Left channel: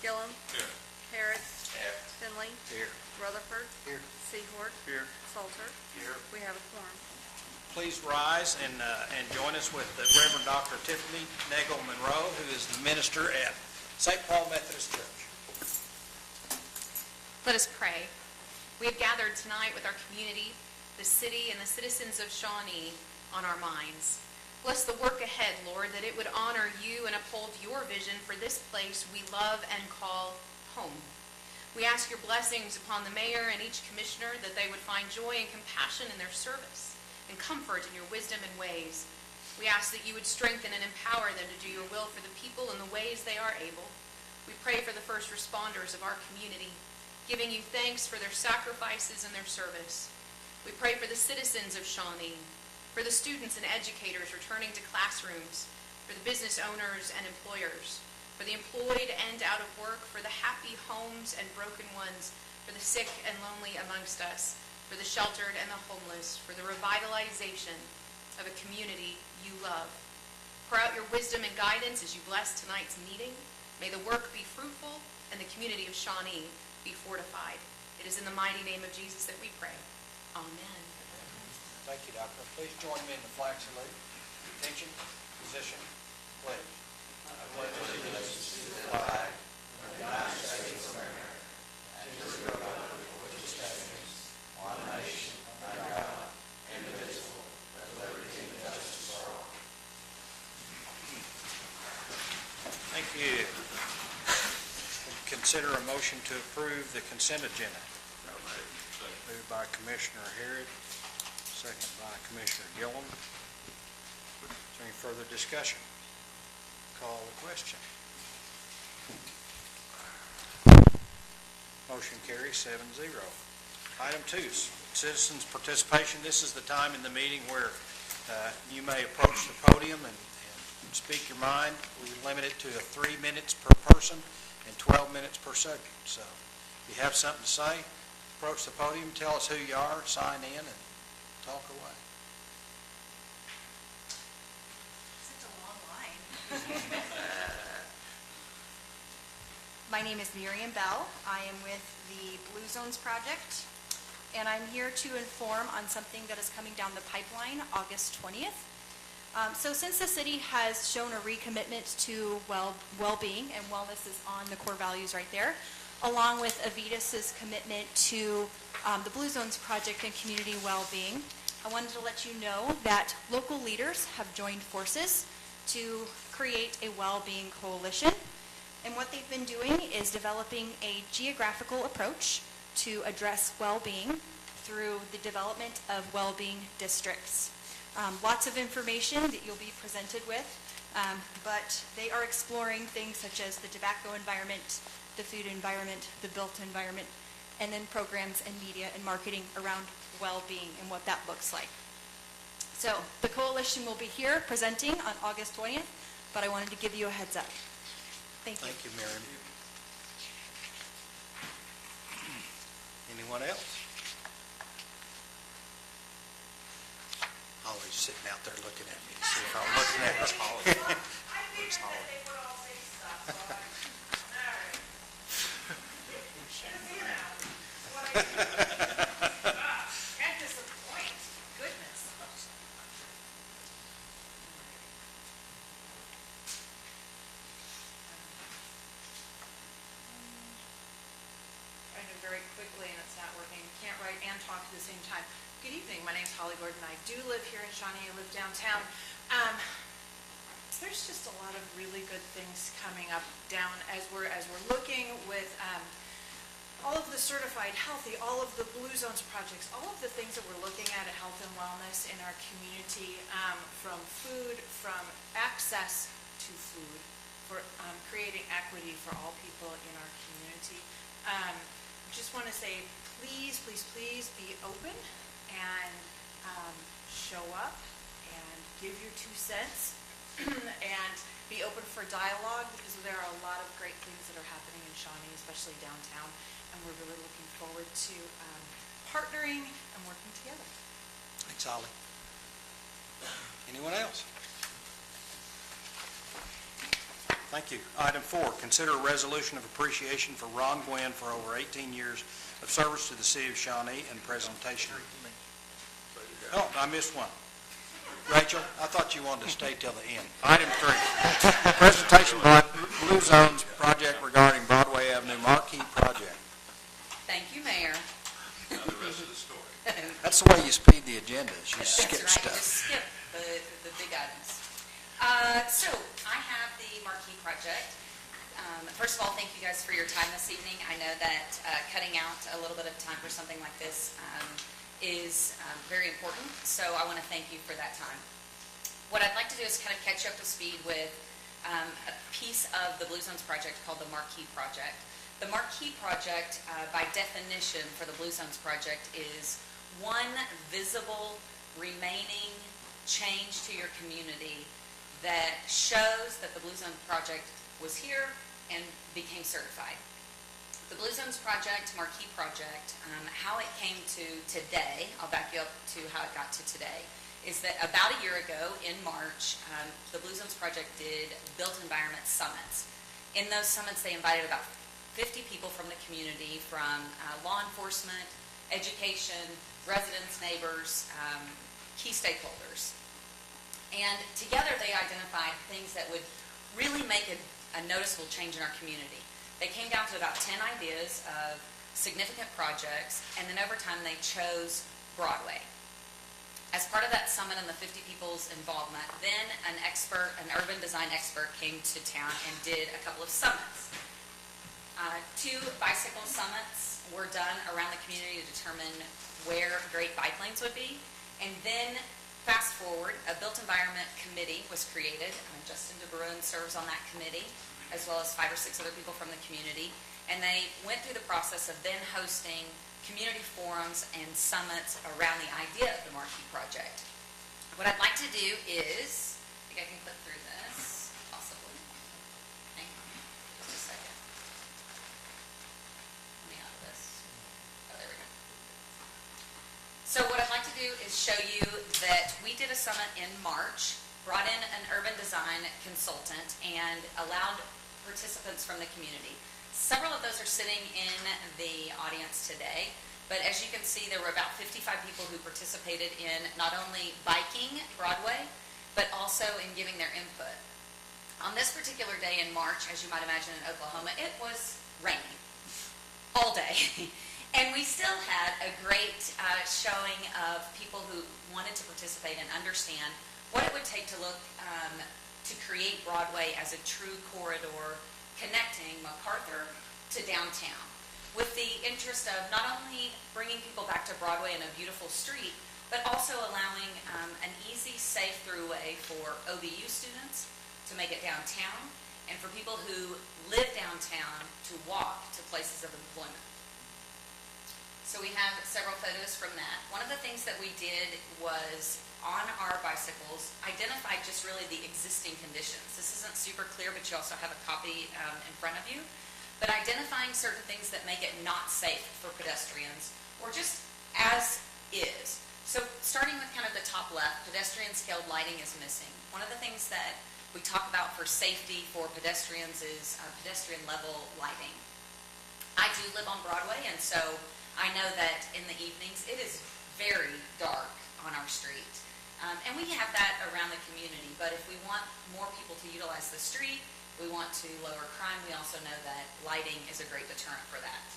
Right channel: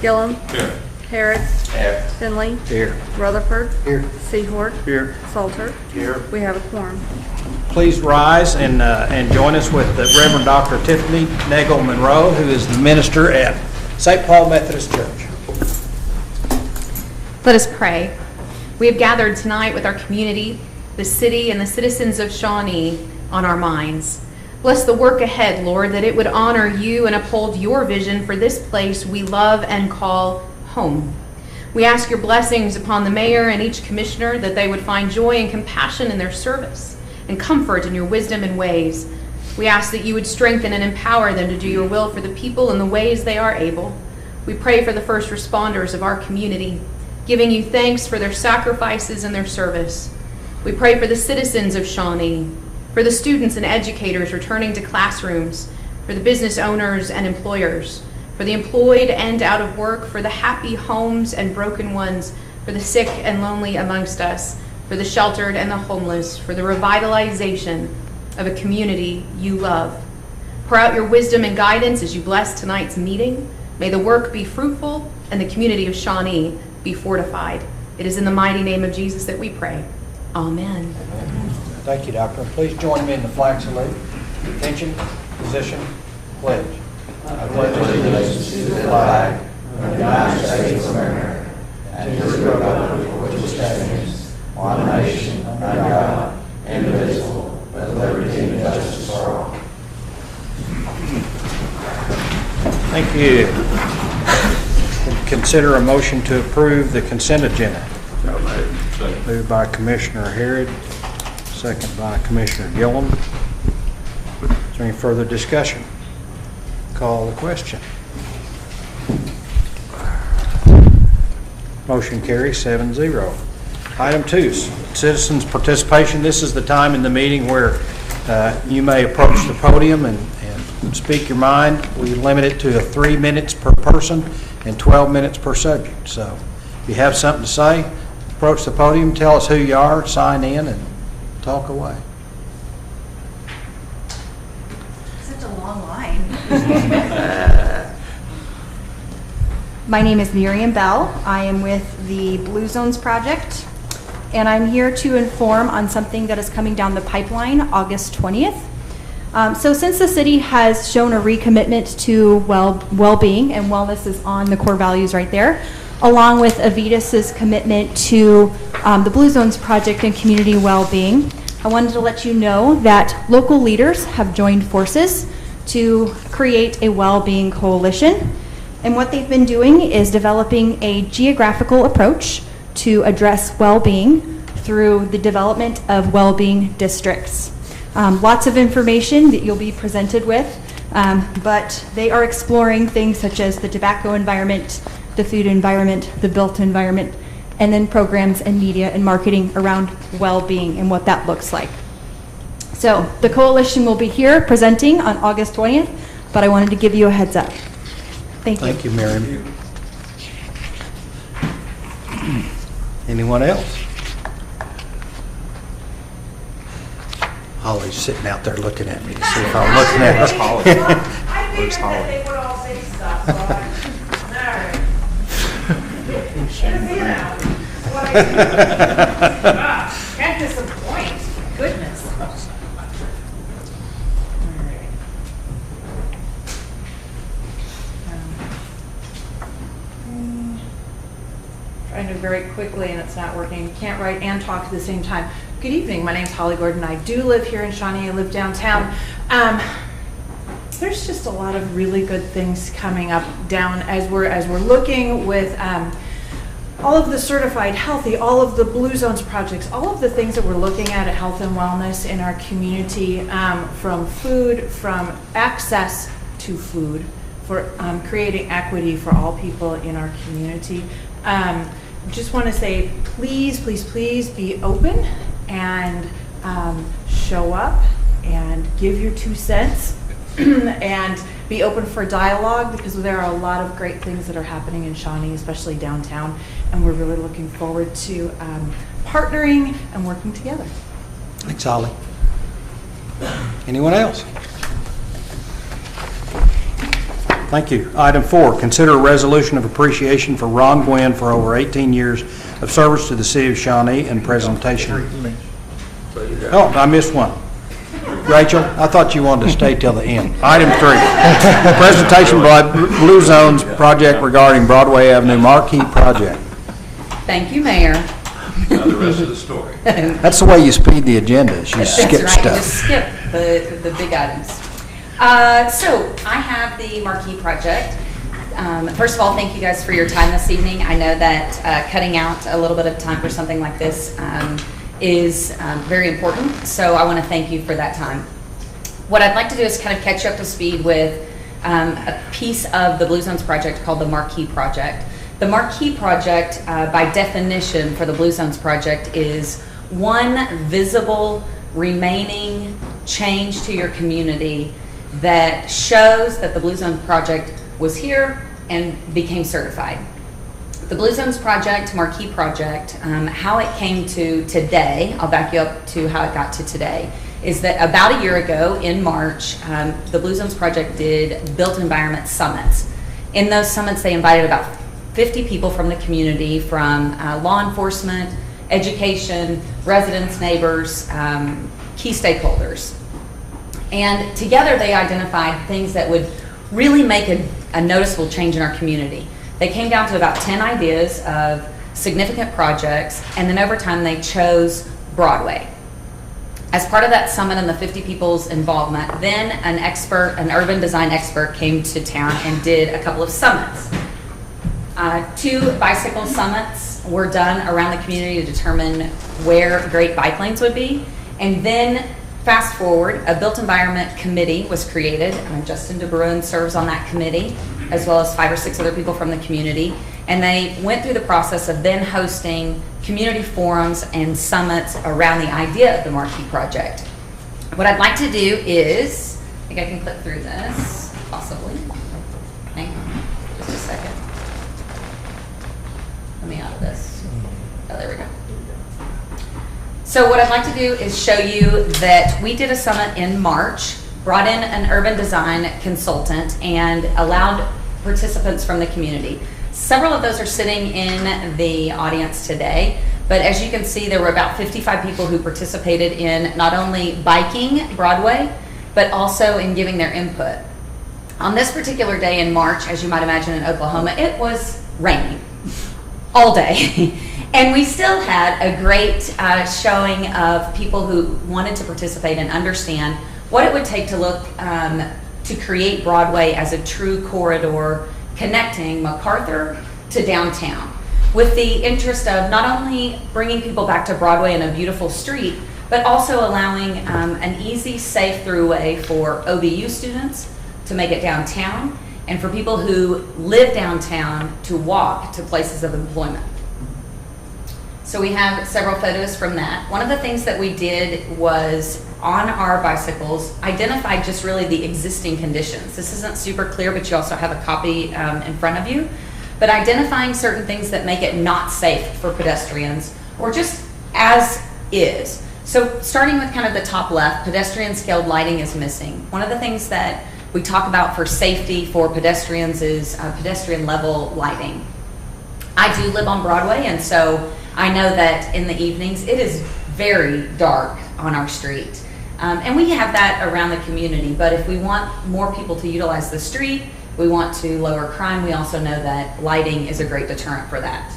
Gillum. Here. Harris. Here. Finley. Here. Rutherford. Here. Seahort. Here. Salter. Here. We have a quorum. Please rise and join us with the Reverend Dr. Tiffany Nagel Monroe, who is the minister at St. Paul Methodist Church. Let us pray. We have gathered tonight with our community, the city, and the citizens of Shawnee on our minds. Bless the work ahead, Lord, that it would honor you and uphold your vision for this place we love and call home. We ask your blessings upon the mayor and each commissioner, that they would find joy and compassion in their service and comfort in your wisdom and ways. We ask that you would strengthen and empower them to do your will for the people in the ways they are able. We pray for the first responders of our community, giving you thanks for their sacrifices and their service. We pray for the citizens of Shawnee, for the students and educators returning to classrooms, for the business owners and employers, for the employed and out of work, for the happy homes and broken ones, for the sick and lonely amongst us, for the sheltered and the homeless, for the revitalization of a community you love. Pour out your wisdom and guidance as you bless tonight's meeting. May the work be fruitful and the community of Shawnee be fortified. It is in the mighty name of Jesus that we pray. Amen. Thank you, Doctor. Please join me in the flag salute. Attention, position, pledge. I pledge allegiance to the flag of the United States of America and to the republic for which it stands, one nation, under God, indivisible, with liberty and justice for all. Thank you. Consider a motion to approve the consent agenda. Moved by Commissioner Harrod, second by Commissioner Gillum. Is there any further discussion? Call the question. Motion carries 7-0. Item 2, citizens' participation. This is the time in the meeting where you may approach the podium and speak your mind. We limit it to 3 minutes per person and 12 minutes per subject. So if you have something to say, approach the podium, tell us who you are, sign in, and talk away. Such a long line. My name is Miriam Bell. I am with the Blue Zones Project, and I'm here to inform on something that is coming down the pipeline August 20th. So since the city has shown a recommitment to well-being, and wellness is on the core values right there, along with Avitas's commitment to the Blue Zones Project and community well-being, I wanted to let you know that local leaders have joined forces to create a well-being coalition. And what they've been doing is developing a geographical approach to address well-being through the development of well-being districts. Lots of information that you'll be presented with, but they are exploring things such as the tobacco environment, the food environment, the built environment, and then programs and media and marketing around well-being and what that looks like. So the coalition will be here presenting on August 20th, but I wanted to give you a heads up. Thank you. Thank you, Miriam. Anyone else? Holly's sitting out there looking at me to see if I'm looking at her. I figured that they would all say stuff, so can't disappoint. Goodness. Trying to very quickly and it's not working. Can't write and talk at the same time. Good evening. My name's Holly Gordon. I do live here in Shawnee. I live downtown. There's just a lot of really good things coming up down as we're looking with all of the certified healthy, all of the Blue Zones projects, all of the things that we're looking at health and wellness in our community, from food, from access to food, for creating equity for all people in our community. Just want to say, please, please, please be open and show up and give your 2 cents and be open for dialogue, because there are a lot of great things that are happening in Shawnee, especially downtown, and we're really looking forward to partnering and working together. Thanks, Holly. Anyone else? Thank you. Item 4, consider a resolution of appreciation for Ron Gwynn for over 18 years of service to the city of Shawnee and presentation. Oh, I missed one. Rachel, I thought you wanted to stay till the end. Item 3, presentation by Blue Zones project regarding Broadway Avenue Marquee project. Thank you, Mayor. Now the rest of the story. That's the way you speed the agenda, is you skip That's right, you just stuff. skip the big items. So I have the Marquee project. First of all, thank you guys for your time this evening. I know that cutting out a little bit of time for something like this is very important, so I want to thank you for that time. What I'd like to do is kind of catch you up to speed with a piece of the Blue Zones project called the Marquee project. The Marquee project, by definition for the Blue Zones project, is one visible remaining change to your community that shows that the Blue Zones project was here and became certified. The Blue Zones project, Marquee project, how it came to today, I'll back you up to how it got to today, is that about a year ago in March, the Blue Zones project did Built Environment Summits. In those summits, they invited about 50 people from the community, from law enforcement, education, residents, neighbors, key stakeholders. And together they identified things that would really make a noticeable change in our community. They came down to about 10 ideas of significant projects, and then over time they chose Broadway. As part of that summit and the 50 people's involvement, then an urban design expert came to town and did a couple of summits. 2 bicycle summits were done around the community to determine where great bike lanes would be. And then fast forward, a built environment committee was created. Justin DeBruin serves on that committee, as well as 5 or 6 other people from the community. And they went through the process of then hosting community forums and summits around the idea of the Marquee project. What I'd like to do is, I think I can click through this, possibly. Hang on, just a second. Let me out of this. Oh, there we go. So what I'd like to do is show you that we did a summit in March, brought in an urban design consultant, and allowed participants from the community. Several of those are sitting in the audience today, but as you can see, there were about 55 people who participated in not only biking Broadway, but also in giving their input. On this particular day in March, as you might imagine in Oklahoma, it was raining all day. And we still had a great showing of people who wanted to participate and understand what it would take to look to create Broadway as a true corridor connecting MacArthur to downtown, with the interest of not only bringing people back to Broadway in a beautiful street, but also allowing an easy, safe throughway for OBU students to make it downtown, and for people who live downtown to walk to places of employment. So we have several photos from that. One of the things that we did was, on our bicycles, identify just really the existing conditions. This isn't super clear, but you also have a copy in front of you. But identifying certain things that make it not safe for pedestrians, or just as is. So starting with kind of the top left, pedestrian scaled lighting is missing. One of the things that we talk about for safety for pedestrians is pedestrian level lighting. I do live on Broadway, and so I know that in the evenings it is very dark on our street. And we have that around the community, but if we want more people to utilize the street, we want to lower crime, we also know that lighting is a great deterrent for that.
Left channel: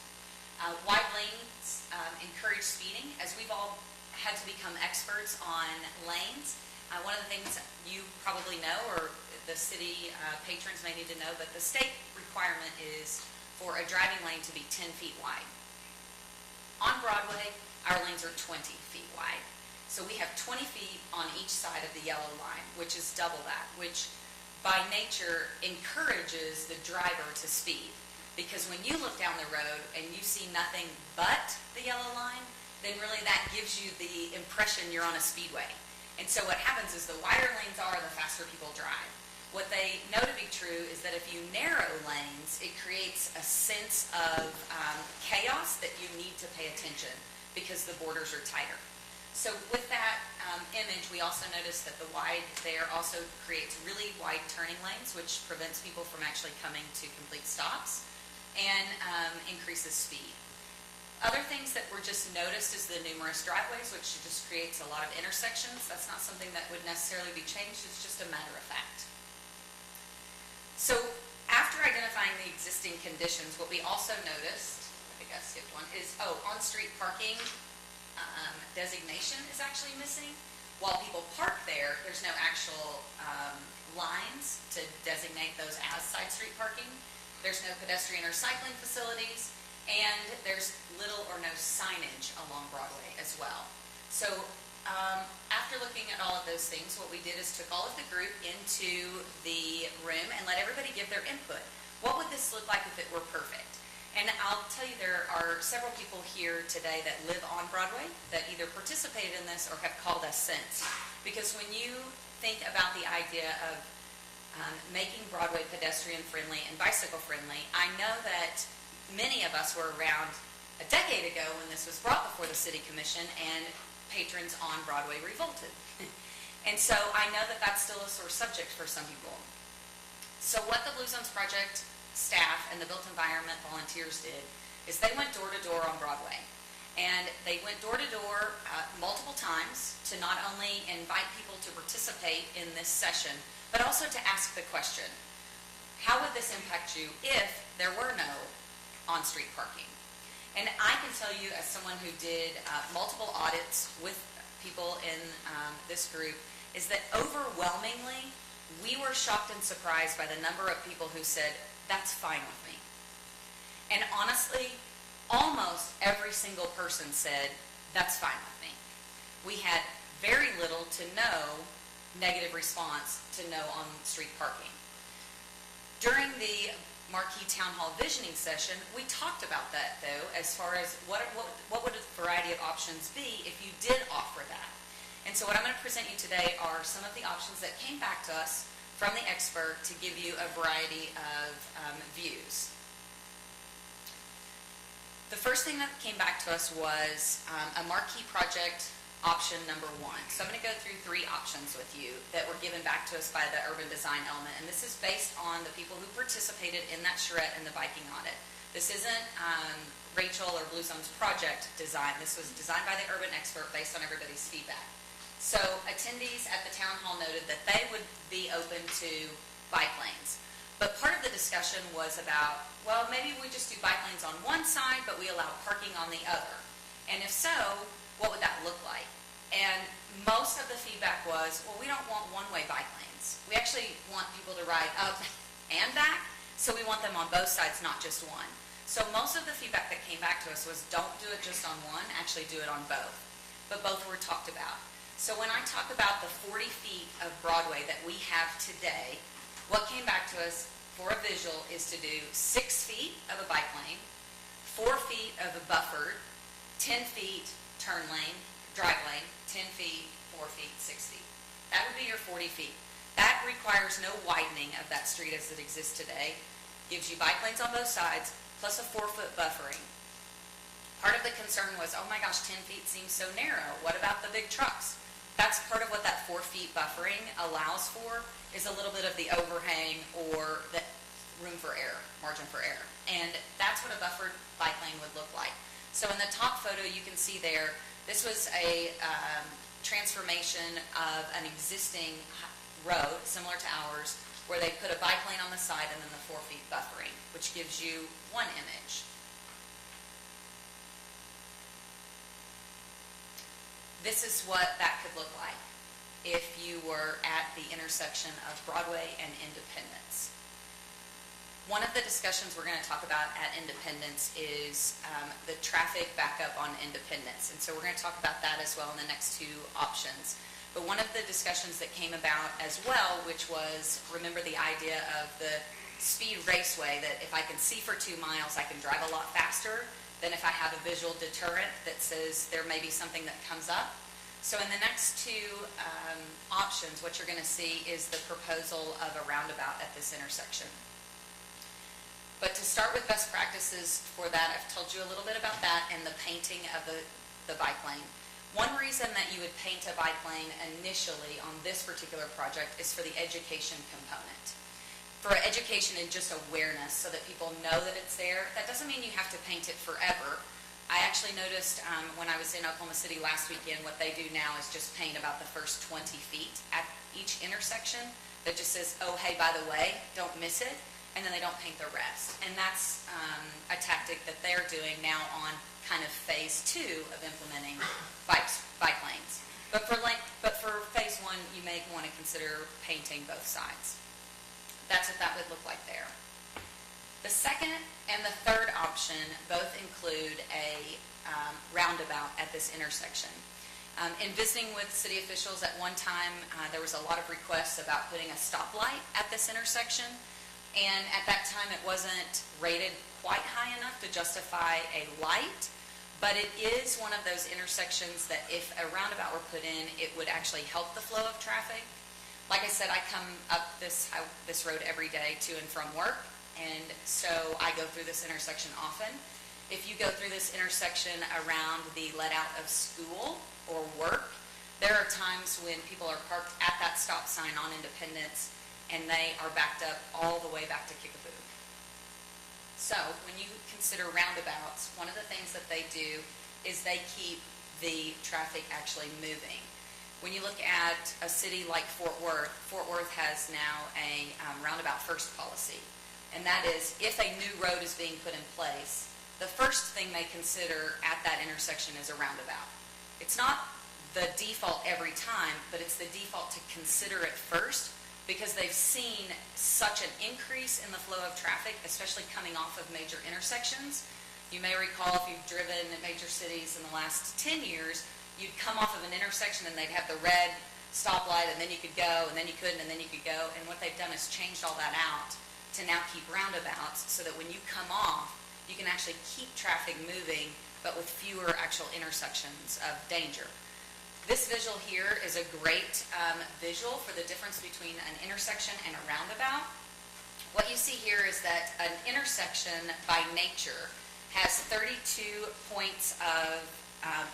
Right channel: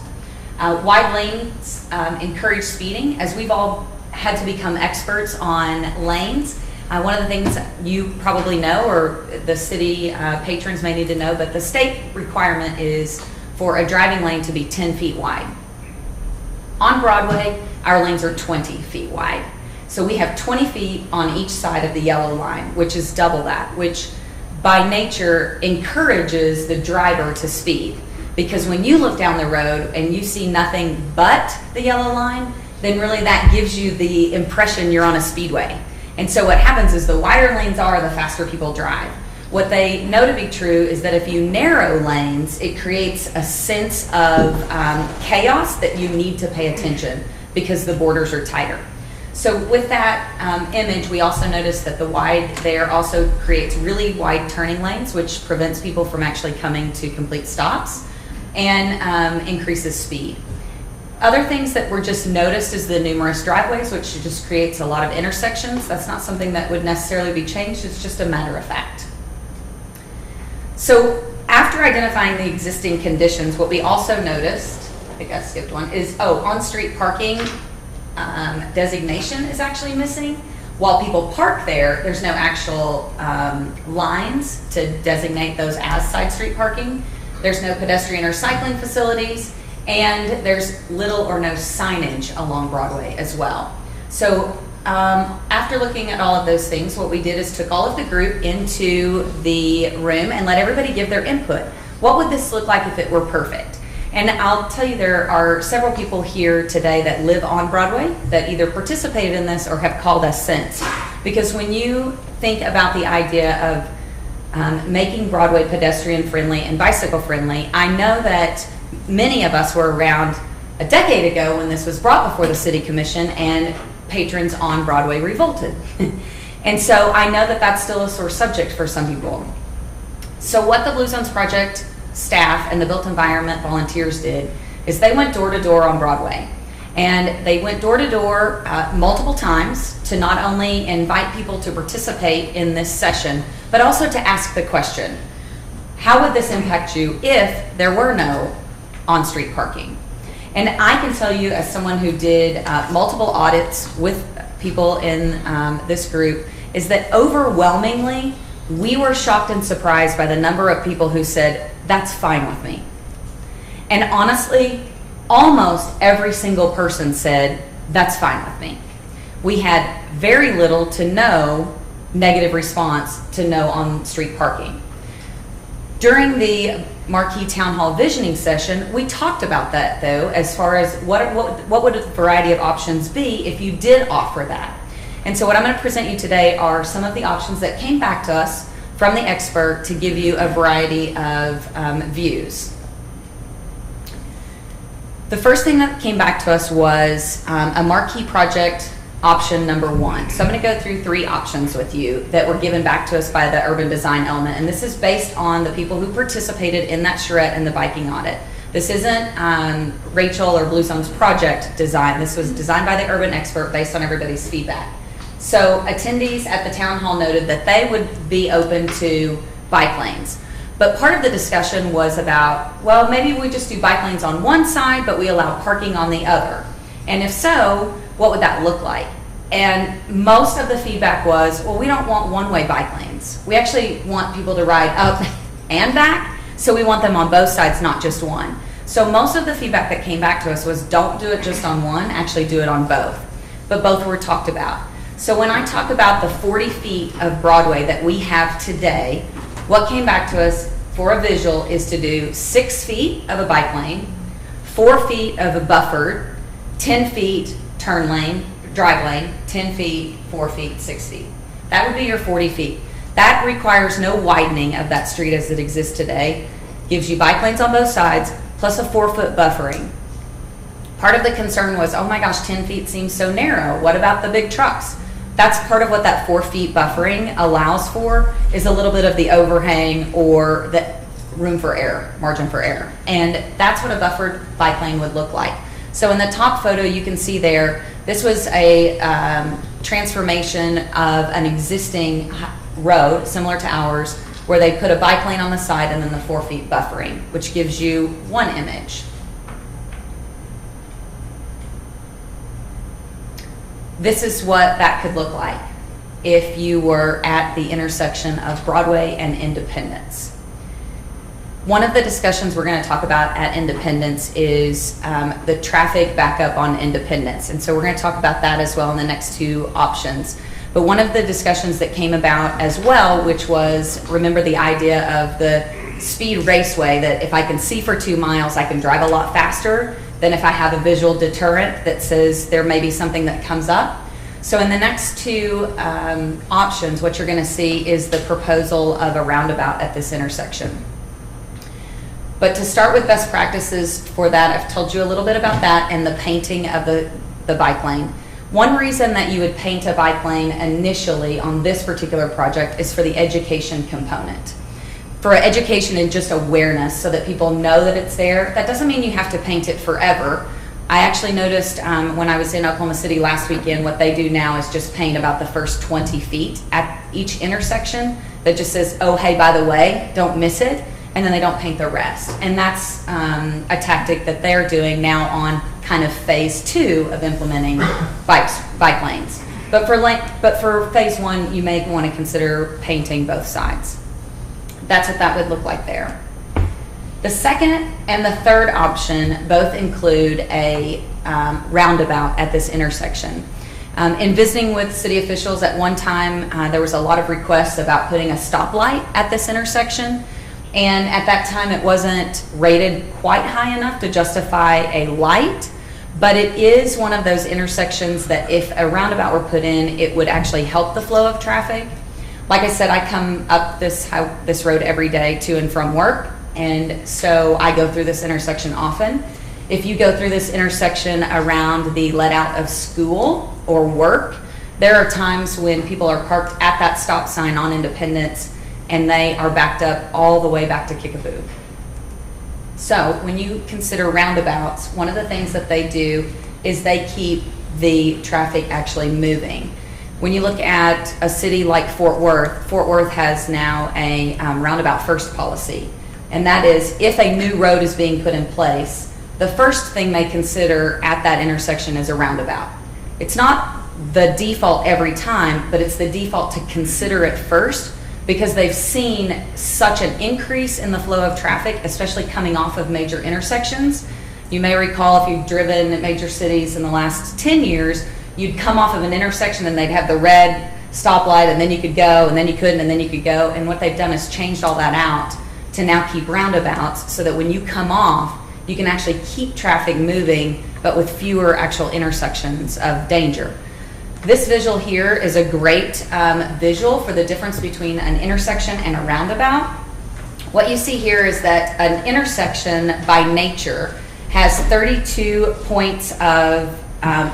Wide lanes encourage speeding. As we've all had to become experts on lanes, one of the things you probably know, or the city patrons may need to know, but the state requirement is for a driving lane to be 10 feet wide. On Broadway, our lanes are 20 feet wide. So we have 20 feet on each side of the yellow line, which is double that, which by nature encourages the driver to speed. Because when you look down the road and you see nothing but the yellow line, then really that gives you the impression you're on a speedway. And so what happens is the wider lanes are, the faster people drive. What they know to be true is that if you narrow lanes, it creates a sense of chaos that you need to pay attention because the borders are tighter. So with that image, we also noticed that the wide there also creates really wide turning lanes, which prevents people from actually coming to complete stops and increases speed. Other things that were just noticed is the numerous driveways, which just creates a lot of intersections. That's not something that would necessarily be changed, it's just a matter of fact. So after identifying the existing conditions, what we also noticed, I think I skipped one, is on-street parking designation is actually missing. While people park there, there's no actual lines to designate those as side street parking. There's no pedestrian or cycling facilities, and there's little or no signage along Broadway as well. So after looking at all of those things, what we did is took all of the group into the room and let everybody give their input. What would this look like if it were perfect? And I'll tell you, there are several people here today that live on Broadway that either participated in this or have called us since. Because when you think about the idea of making Broadway pedestrian friendly and bicycle friendly, I know that many of us were around a decade ago when this was brought before the City Commission and patrons on Broadway revolted. And so I know that that's still a sore subject for some people. So what the Blue Zones Project staff and the Built Environment volunteers did is they went door to door on Broadway. And they went door to door multiple times to not only invite people to participate in this session, but also to ask the question, how would this impact you if there were no on-street parking? And I can tell you, as someone who did multiple audits with people in this group, is that overwhelmingly, we were shocked and surprised by the number of people who said, that's fine with me. And honestly, almost every single person said, that's fine with me. We had very little to no negative response to no on-street parking. During the Marquee Town Hall visioning session, we talked about that though, as far as what would a variety of options be if you did offer that. And so what I'm going to present you today are some of the options that came back to us from the expert to give you a variety of views. The first thing that came back to us was a marquee project option number 1. So I'm going to go through 3 options with you that were given back to us by the urban design element, and this is based on the people who participated in that charrette and the biking audit. This isn't Rachel or Blue Zones project design. This was designed by the urban expert based on everybody's feedback. So attendees at the town hall noted that they would be open to bike lanes. But part of the discussion was about, well, maybe we just do bike lanes on one side, but we allow parking on the other. And if so, what would that look like? And most of the feedback was, well, we don't want one-way bike lanes. We actually want people to ride up and back, so we want them on both sides, not just one. So most of the feedback that came back to us was, don't do it just on one, actually do it on both. But both were talked about. So when I talk about the 40 feet of Broadway that we have today, what came back to us for a visual is to do 6 feet of a bike lane, 4 feet of a buffered, 10 feet turn lane, drive lane, 10 feet, 4 feet, 6 feet. That would be your 40 feet. That requires no widening of that street as it exists today. Gives you bike lanes on both sides, plus a 4-foot buffering. Part of the concern was, oh my gosh, 10 feet seems so narrow. What about the big trucks? That's part of what that 4 feet buffering allows for, is a little bit of the overhang or the room for error, margin for error. And that's what a buffered bike lane would look like. So in the top photo you can see there, this was a transformation of an existing road, similar to ours, where they put a bike lane on the side and then the 4 feet buffering, which gives you one image. This is what that could look like if you were at the intersection of Broadway and Independence. One of the discussions we're going to talk about at Independence is the traffic backup on Independence. And so we're going to talk about that as well in the next 2 options. But one of the discussions that came about as well, which was, remember the idea of the speed raceway, that if I can see for 2 miles, I can drive a lot faster than if I have a visual deterrent that says there may be something that comes up. So in the next 2 options, what you're going to see is the proposal of a roundabout at this intersection. But to start with best practices for that, I've told you a little bit about that and the painting of the bike lane. One reason that you would paint a bike lane initially on this particular project is for the education component. For education and just awareness so that people know that it's there. That doesn't mean you have to paint it forever. I actually noticed when I was in Oklahoma City last weekend, what they do now is just paint about the first 20 feet at each intersection that just says, oh, hey, by the way, don't miss it. And then they don't paint the rest. And that's a tactic that they're doing now on kind of phase 2 of implementing bike lanes. But for phase 1, you may want to consider painting both sides. That's what that would look like there. The second and the third option both include a roundabout at this intersection. In visiting with city officials at one time, there was a lot of requests about putting a stoplight at this intersection. And at that time, it wasn't rated quite high enough to justify a light, but it is one of those intersections that if a roundabout were put in, it would actually help the flow of traffic. Like I said, I come up this road every day to and from work, and so I go through this intersection often. If you go through this intersection around the let out of school or work, there are times when people are parked at that stop sign on Independence and they are backed up all the way back to Kickapoo. So when you consider roundabouts, one of the things that they do is they keep the traffic actually moving. When you look at a city like Fort Worth has now a roundabout first policy. And that is, if a new road is being put in place, the first thing they consider at that intersection is a roundabout. It's not the default every time, but it's the default to consider it first, because they've seen such an increase in the flow of traffic, especially coming off of major intersections. You may recall if you've driven at major cities in the last 10 years, you'd come off of an intersection and they'd have the red stoplight and then you could go and then you couldn't and then you could go. And what they've done is changed all that out to now keep roundabouts so that when you come off, you can actually keep traffic moving, but with fewer actual intersections of danger. This visual here is a great visual for the difference between an intersection and a roundabout. What you see here is that an intersection by nature has 32 points of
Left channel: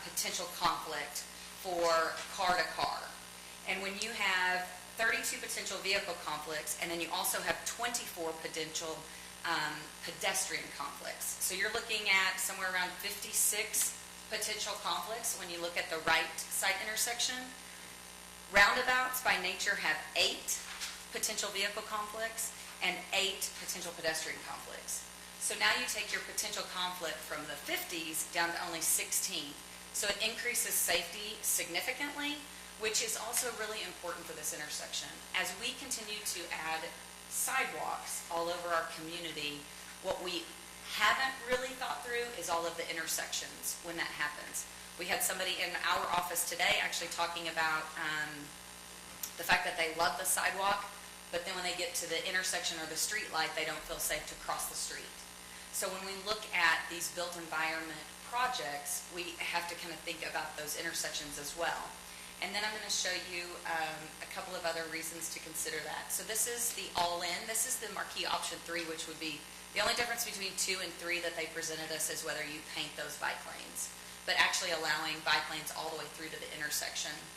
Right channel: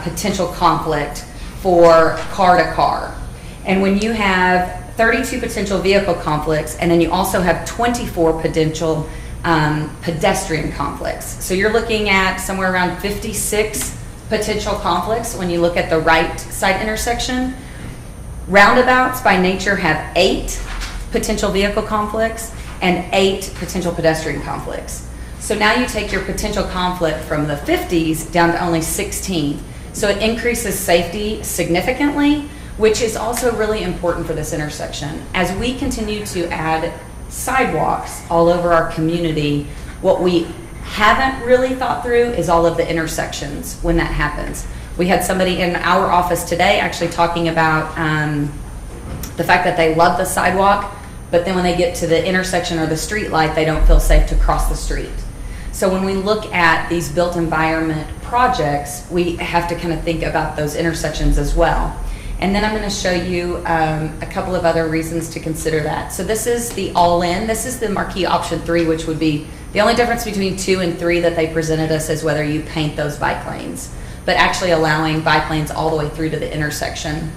potential conflict for car to car. And when you have 32 potential vehicle conflicts, and then you also have 24 potential pedestrian conflicts. So you're looking at somewhere around 56 potential conflicts when you look at the right side intersection. Roundabouts by nature have 8 potential vehicle conflicts and 8 potential pedestrian conflicts. So now you take your potential conflict from the 50s down to only 16. So it increases safety significantly, which is also really important for this intersection. As we continue to add sidewalks all over our community, what we haven't really thought through is all of the intersections when that happens. We had somebody in our office today actually talking about the fact that they love the sidewalk, but then when they get to the intersection or the street light, they don't feel safe to cross the street. So when we look at these built environment projects, we have to kind of think about those intersections as well. And then I'm going to show you a couple of other reasons to consider that. So this is the all-in. This is the marquee option 3, which would be the only difference between 2 and 3 that they presented us is whether you paint those bike lanes, but actually allowing bike lanes all the way through to the intersection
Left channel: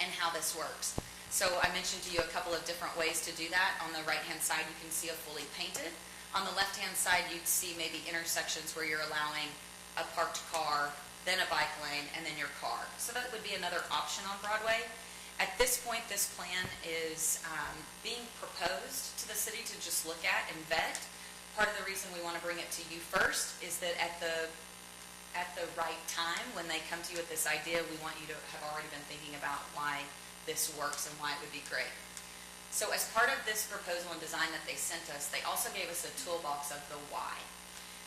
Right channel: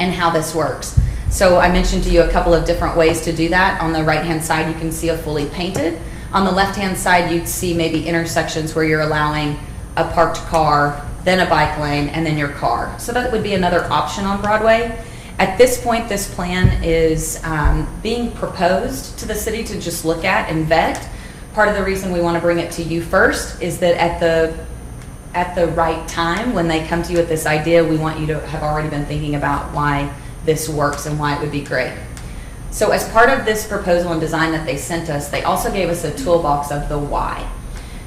and how this works. So I mentioned to you a couple of different ways to do that. On the right-hand side, you can see a fully painted. On the left-hand side, you'd see maybe intersections where you're allowing a parked car, then a bike lane, and then your car. So that would be another option on Broadway. At this point, this plan is being proposed to the city to just look at and vet. Part of the reason we want to bring it to you first is that at the right time, when they come to you with this idea, we want you to have already been thinking about why this works and why it would be great. So as part of this proposal and design that they sent us, they also gave us a toolbox of the why.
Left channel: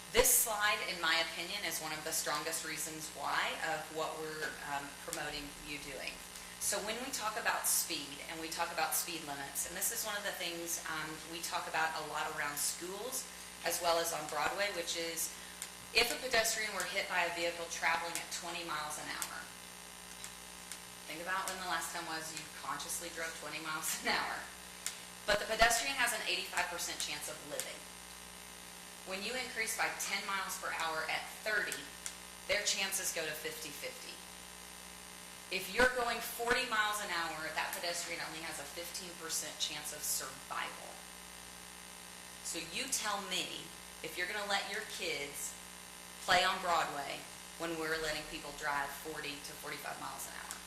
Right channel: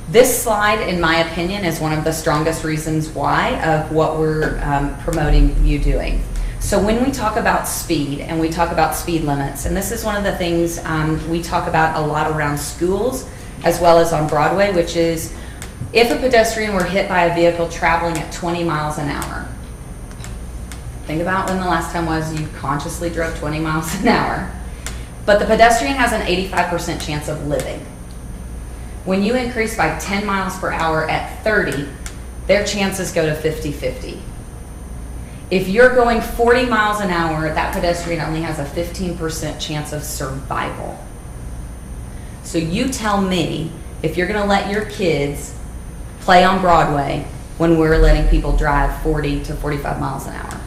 This slide, in my opinion, is one of the strongest reasons why of what we're promoting you doing. So when we talk about speed and we talk about speed limits, and this is one of the things we talk about a lot around schools as well as on Broadway, which is if a pedestrian were hit by a vehicle traveling at 20 miles an hour, think about when the last time was you consciously drove 20 miles an hour, but the pedestrian has an 85% chance of living. When you increase by 10 miles per hour at 30, their chances go to 50-50. If you're going 40 miles an hour, that pedestrian only has a 15% chance of survival. So you tell me if you're going to let your kids play on Broadway when we're letting people drive 40 to 45 miles an hour.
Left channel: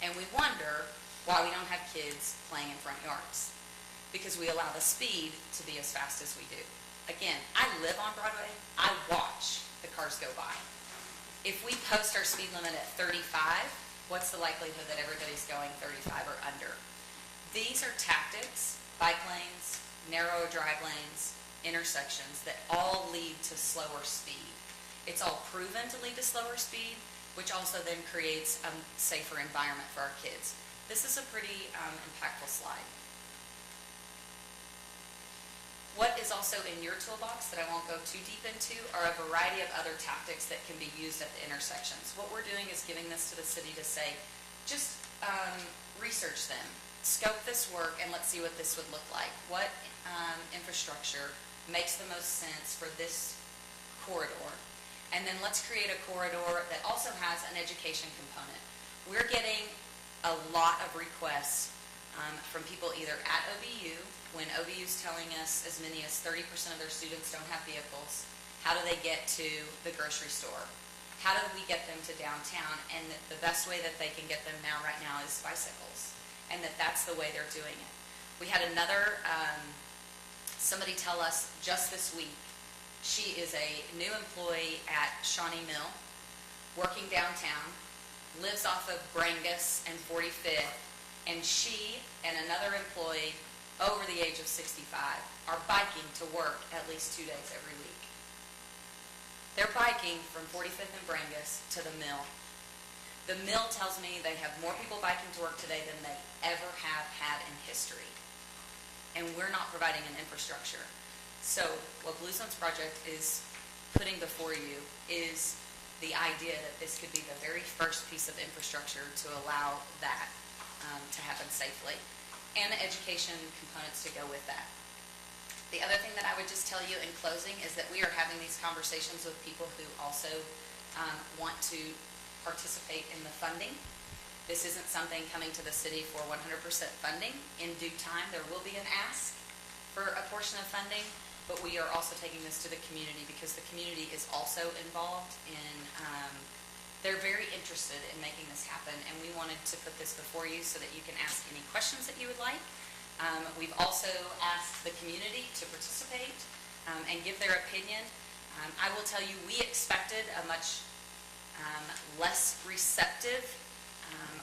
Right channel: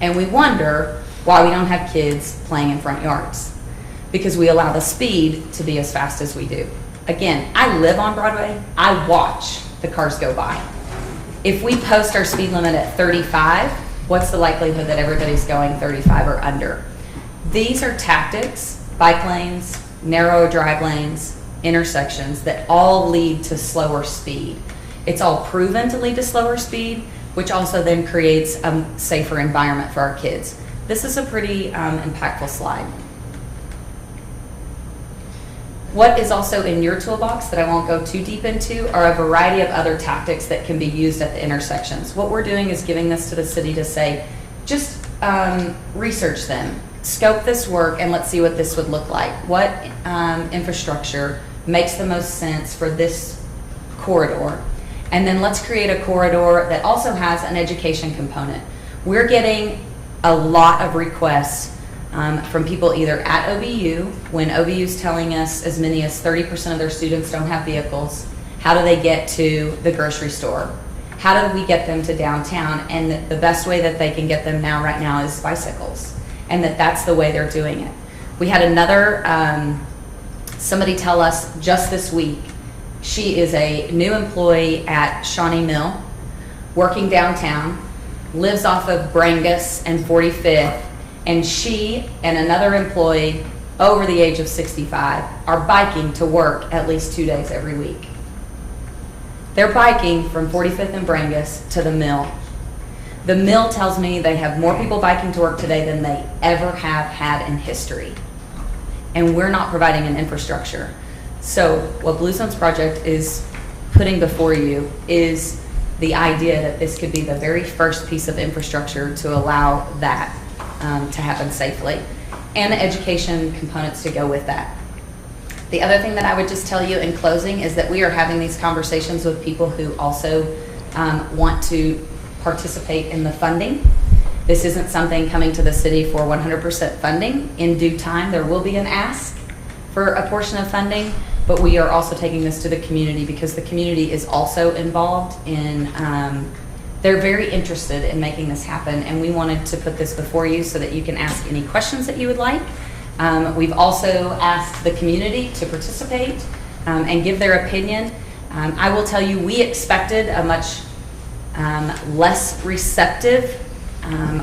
And we wonder why we don't have kids playing in front yards, because we allow the speed to be as fast as we do. Again, I live on Broadway. I watch the cars go by. If we post our speed limit at 35, what's the likelihood that everybody's going 35 or under? These are tactics, bike lanes, narrow drive lanes, intersections that all lead to slower speed. It's all proven to lead to slower speed, which also then creates a safer environment for our kids. This is a pretty impactful slide. What is also in your toolbox that I won't go too deep into are a variety of other tactics that can be used at the intersections. What we're doing is giving this to the city to say, just research them, scope this work, and let's see what this would look like. What infrastructure makes the most sense for this corridor? And then let's create a corridor that also has an education component. We're getting a lot of requests from people either at OBU, when OBU is telling us as many as 30% of their students don't have vehicles. How do they get to the grocery store? How do we get them to downtown? And the best way that they can get them right now is bicycles, and that's the way they're doing it. We had another, somebody tell us just this week, she is a new employee at Shawnee Mill, working downtown, lives off of Brangus and 45th, and she and another employee over the age of 65 are biking to work at least 2 days every week. They're biking from 45th and Brangus to the mill. The mill tells me they have more people biking to work today than they ever have had in history. And we're not providing an infrastructure. So what Blue Zones Project is putting before you is the idea that this could be the very first piece of infrastructure to allow that to happen safely, and the education components to go with that. The other thing that I would just tell you in closing is that we are having these conversations with people who also want to participate in the funding. This isn't something coming to the city for 100% funding. In due time, there will be an ask for a portion of funding, but we are also taking this to the community because the community is also involved in they're very interested in making this happen, and we wanted to put this before you so that you can ask any questions that you would like. We've also asked the community to participate and give their opinion. I will tell you, we expected a much less receptive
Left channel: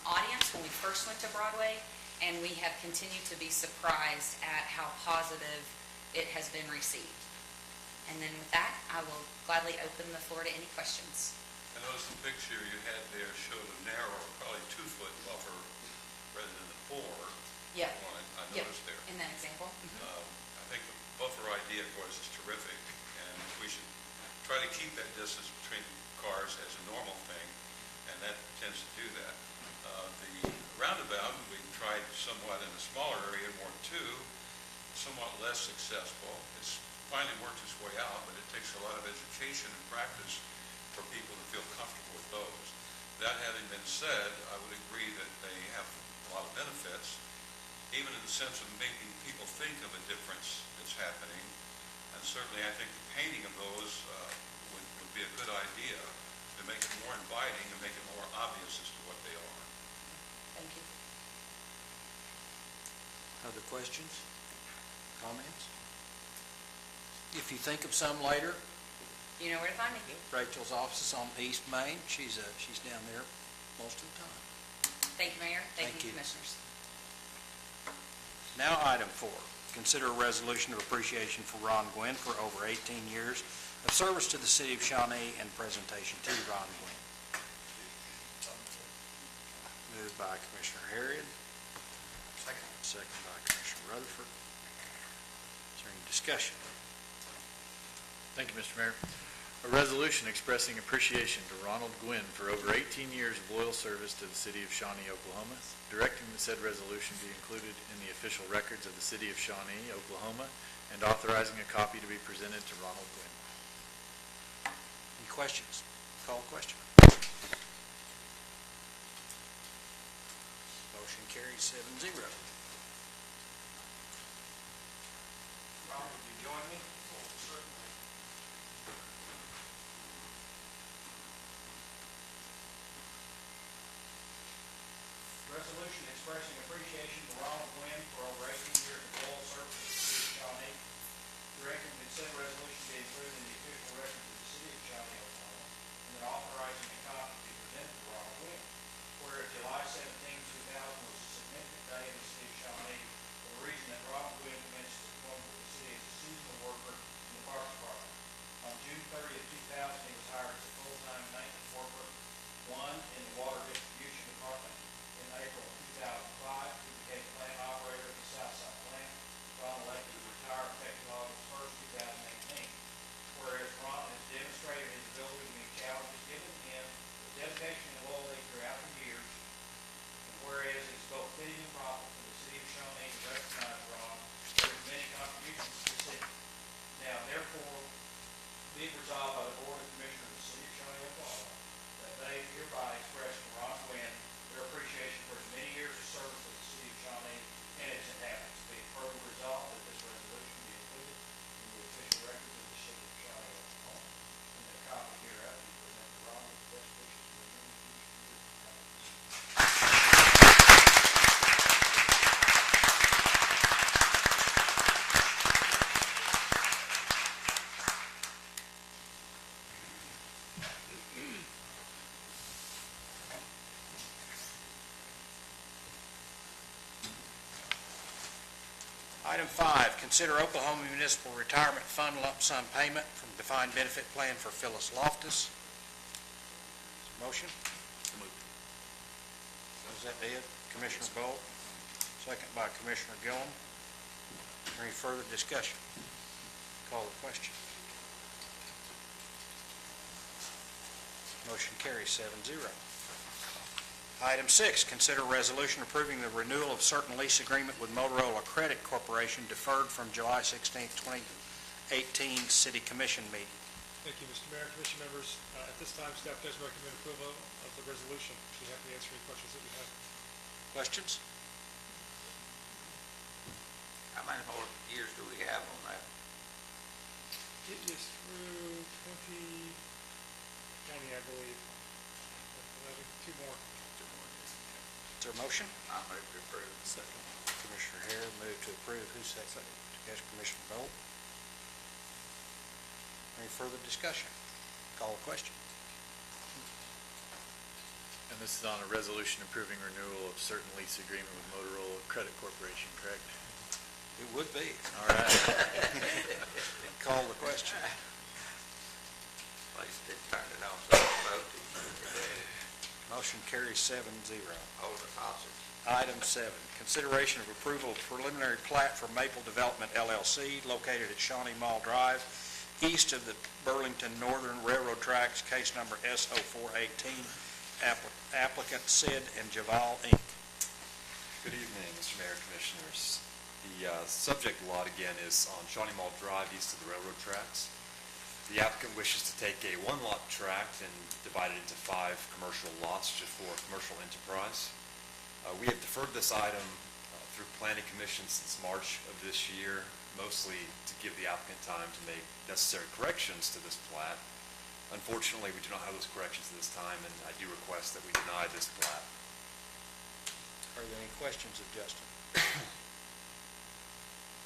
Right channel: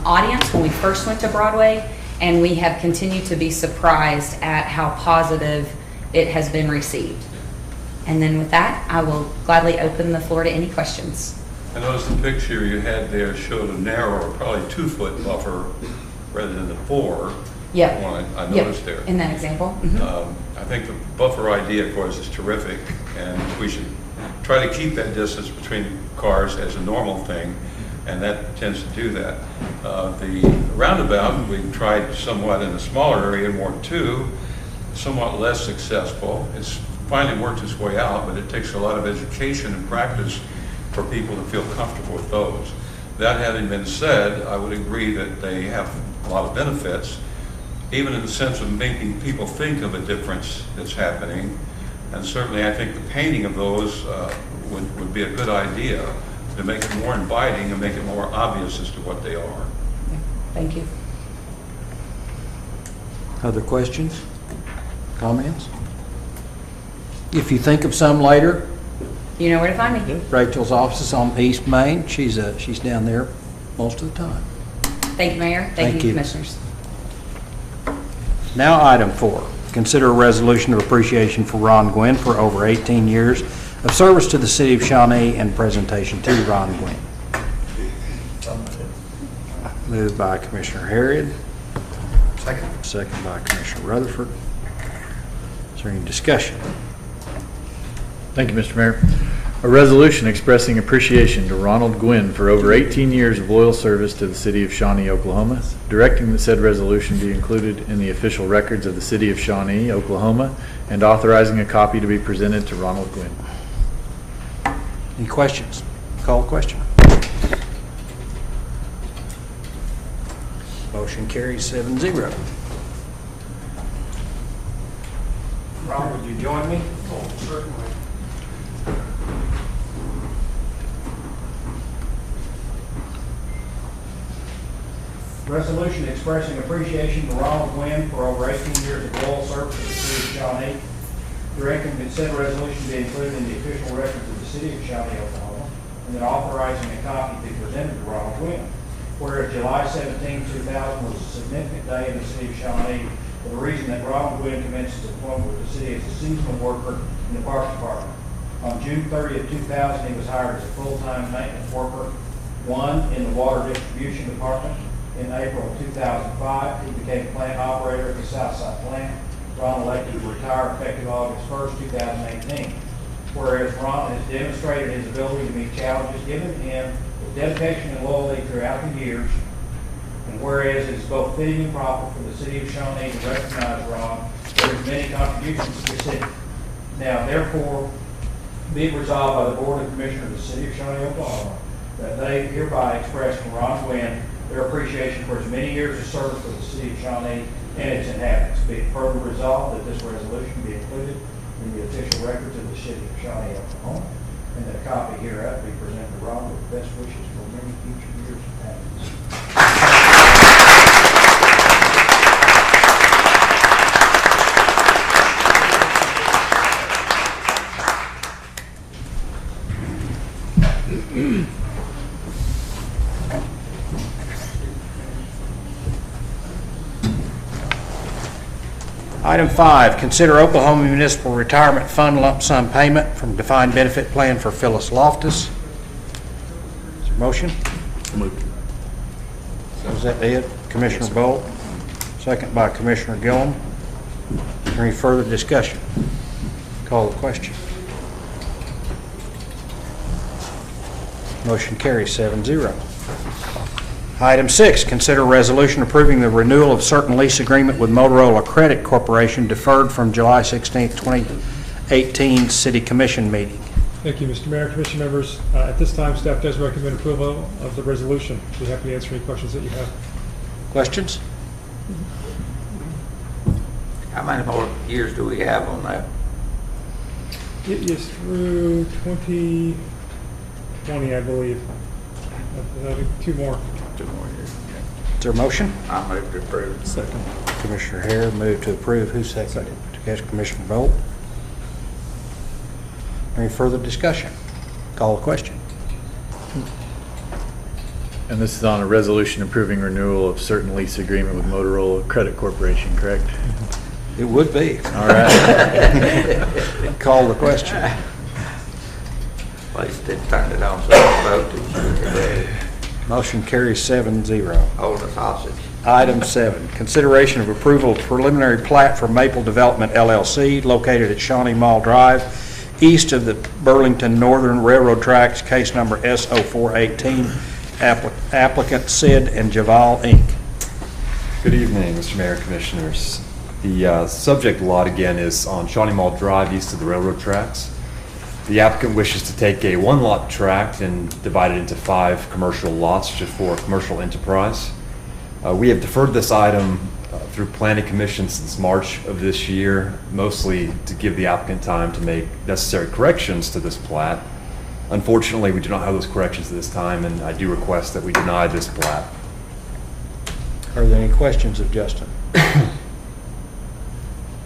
audience when we first went to Broadway, and we have continued to be surprised at how positive it has been received. And then with that, I will gladly open the floor to any questions. I noticed the picture you had there showed a narrower, probably 2-foot buffer rather than the 4. Yep. One I Yep. noticed there. In that example. Mhm. I think the buffer idea, of course, is terrific, and we should try to keep that distance between cars as a normal thing, and that tends to do that. The roundabout, we tried somewhat in a smaller area, in Ward 2, somewhat less successful. It's finally worked its way out, but it takes a lot of education and practice for people to feel comfortable with those. That having been said, I would agree that they have a lot of benefits, even in the sense of making people think of a difference that's happening. And certainly I think the painting of those would be a good idea to make it more inviting and make it more obvious as to what they are. Yeah. Thank you. Other questions? Comments? If you think of some later, You know where to find me. Rachel's office is on East Main. She's down there most of the time. Thank you, Mayor. Thank Thank you, you. Commissioners. Now, item 4, consider a resolution of appreciation for Ron Gwynn for over 18 years of service to the city of Shawnee and presentation to Ron Gwynn. Moved by Commissioner Harriet. Second. Second by Commissioner Rutherford. Is there any discussion? Thank you, Mr. Mayor. A resolution expressing appreciation to Ronald Gwynn for over 18 years of loyal service to the city of Shawnee, Oklahoma, directing that said resolution be included in the official records of the city of Shawnee, Oklahoma, and authorizing a copy to be presented to Ronald Gwynn. Any questions? Call a question. Motion carries 7-0. Ron, would you join me? Oh, certainly. Resolution expressing appreciation to Ronald Gwynn for over 18 years of loyal service to the city of Shawnee. Directing consent resolution be included in the official records of the city of Shawnee, Oklahoma, and then authorizing a copy to be presented to Ronald Gwynn. Whereas July 17, 2000 was a significant day in the city of Shawnee for the reason that Ronald Gwynn commenced his employment with the city as a seasonal worker in the Parks Department. On June 30, 2000, he was hired as a full-time maintenance worker, one in the Water Distribution Department. In April of 2005, he became plant operator at the Southside plant. Ron elected to retire effective August 1st, 2018. Whereas Ron has demonstrated his ability to meet challenges given him with dedication and loyalty throughout the years, and whereas it is both fitting and proper for the city of Shawnee to recognize Ron for his many contributions to the city. Now, therefore, be it resolved by the Board of Commissioners of the City of Shawnee, Oklahoma, that they hereby express from Ron Gwynn their appreciation for his many years of service to the city of Shawnee and its inhabitants. Be it further resolved that this resolution be included in the official records of the city of Shawnee, Oklahoma, and that a copy hereof be presented to Ron with best wishes for many future years of happiness. Item 5, consider Oklahoma Municipal Retirement Fund lump sum payment from defined benefit plan for Phyllis Loftus. Is there a motion? Is that it? Commissioner Bolt? Second by Commissioner Gillum. Is there any further discussion? Call the question. Motion carries 7-0. Item 6, consider resolution approving the renewal of certain lease agreement with Motorola Credit Corporation deferred from July 16, 2018 City Commission meeting. Thank you, Mr. Mayor, Commission members. At this time, staff does recommend approval of the resolution. Be happy to answer any questions that you have. Questions? How many more years do we have on that? It is through 2020, I believe. I think 2 more. 2 more years. Is there a motion? I move to approve. Second. Commissioner Hare moved to approve. Who seconded? Commissioner Bolt. Any further discussion? Call the question. And this is on a resolution approving renewal of certain lease agreement with Motorola Credit Corporation, correct? It would be. All right. Call the question. At least they turned it on so I voted. Motion carries 7-0. Hold us hostage. Item 7, consideration of approval of preliminary plat for Maple Development LLC located at Shawnee Mall Drive, east of the Burlington Northern Railroad Tracks, case number S0418, applicant Sid and Javal, Inc. Good evening, Mr. Mayor, Commissioners. The subject lot again is on Shawnee Mall Drive, east of the railroad tracks. The applicant wishes to take a 1-lot tract and divide it into 5 commercial lots just for commercial enterprise. We have deferred this item through Planning Commission since March of this year, mostly to give the applicant time to make necessary corrections to this plat. Unfortunately, we do not have those corrections at this time, and I do request that we deny this plat. Are there any questions of Justin? Is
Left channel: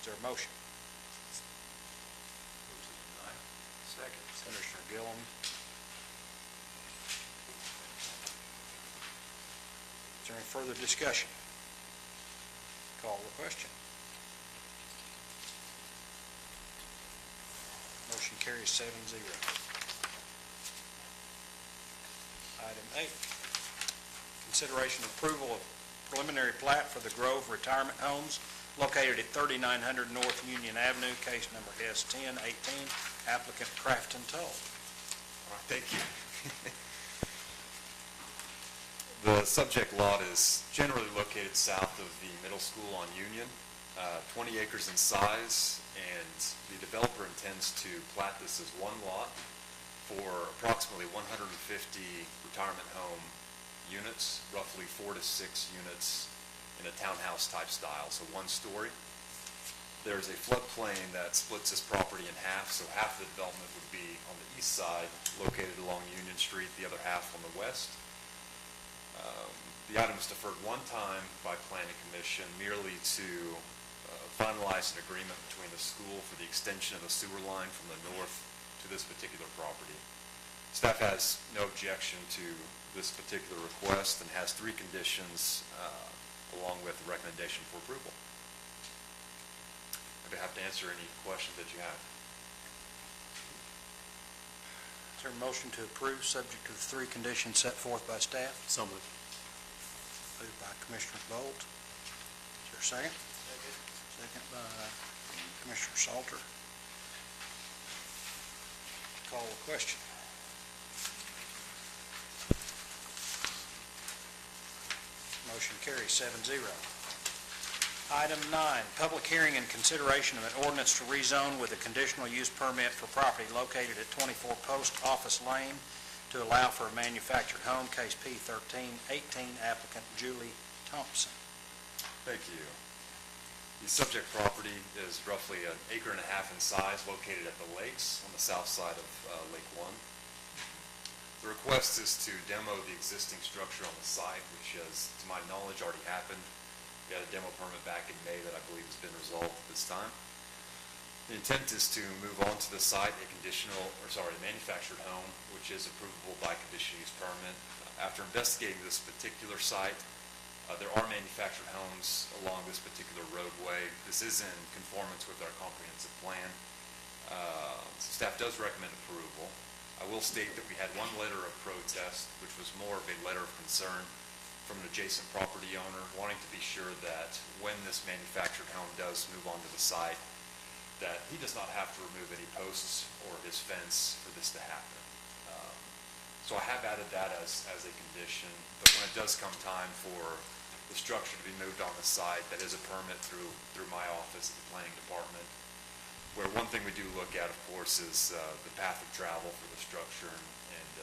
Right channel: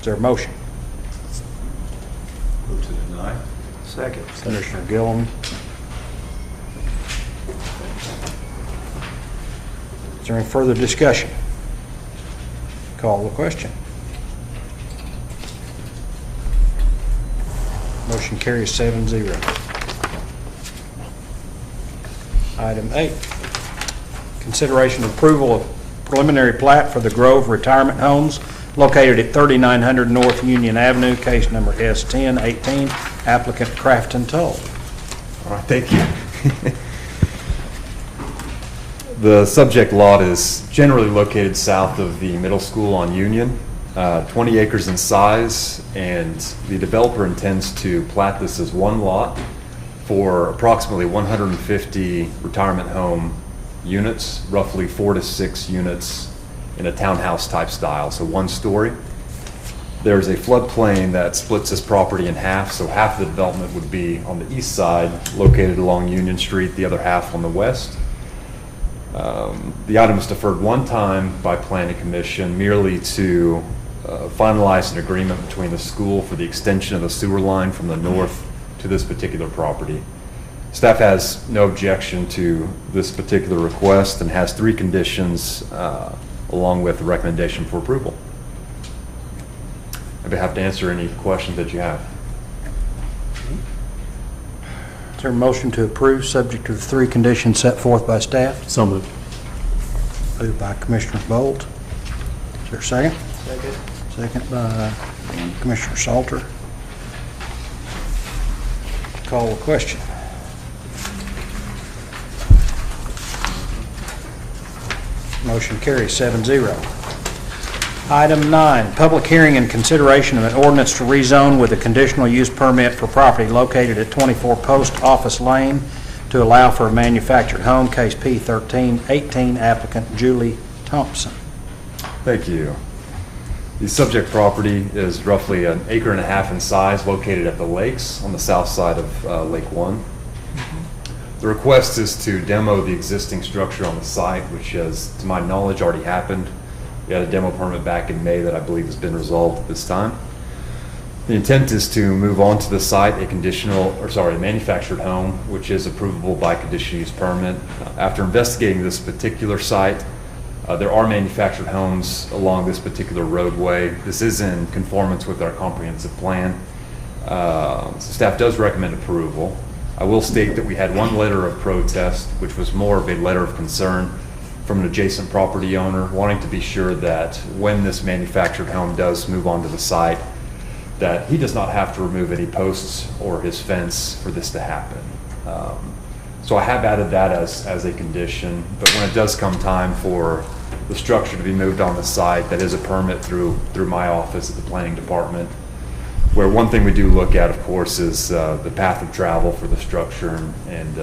there a motion? Move to deny. Second. Commissioner Gillum. Is there any further discussion? Call the question. Motion carries 7-0. Item 8, consideration of approval of preliminary plat for the Grove Retirement Homes located at 3900 North Union Avenue, case number S1018, applicant Crafton Toll. All right, thank you. The subject lot is generally located south of the middle school on Union, 20 acres in size, and the developer intends to plat this as 1 lot for approximately 150 retirement home units, roughly 4 to 6 units in a townhouse type style, so one story. There's a floodplain that splits this property in half, so half of the development would be on the east side, located along Union Street, the other half on the west. The item was deferred one time by Planning Commission merely to finalize an agreement between the school for the extension of the sewer line from the north to this particular property. Staff has no objection to this particular request and has 3 conditions along with the recommendation for approval. I'd be happy to answer any questions that you have. Is there a motion to approve, subject to the 3 conditions set forth by staff? So moved. Moved by Commissioner Bolt. Is there a second? Second. Second by Commissioner Salter. Call the question. Motion carries 7-0. Item 9, public hearing and consideration of an ordinance to rezone with a conditional use permit for property located at 24 Post Office Lane to allow for a manufactured home, case P1318, applicant Julie Thompson. Thank you. The subject property is roughly 1.5 acres in size, located at the lakes on the south side of Lake One. The request is to demo the existing structure on the site, which has, to my knowledge, already happened. We had a demo permit back in May that I believe has been resolved at this time. The intent is to move on to the site a manufactured home, which is approvable by conditional use permit. After investigating this particular site, there are manufactured homes along this particular roadway. This is in conformance with our comprehensive plan. So staff does recommend approval. I will state that we had 1 letter of protest, which was more of a letter of concern from an adjacent property owner, wanting to be sure that when this manufactured home does move onto the site, that he does not have to remove any posts or his fence for this to happen. So I have added that as a condition, but when it does come time for the structure to be moved on the site, that is a permit through my office at the planning department, where one thing we do look at, of course, is the path of travel for the structure and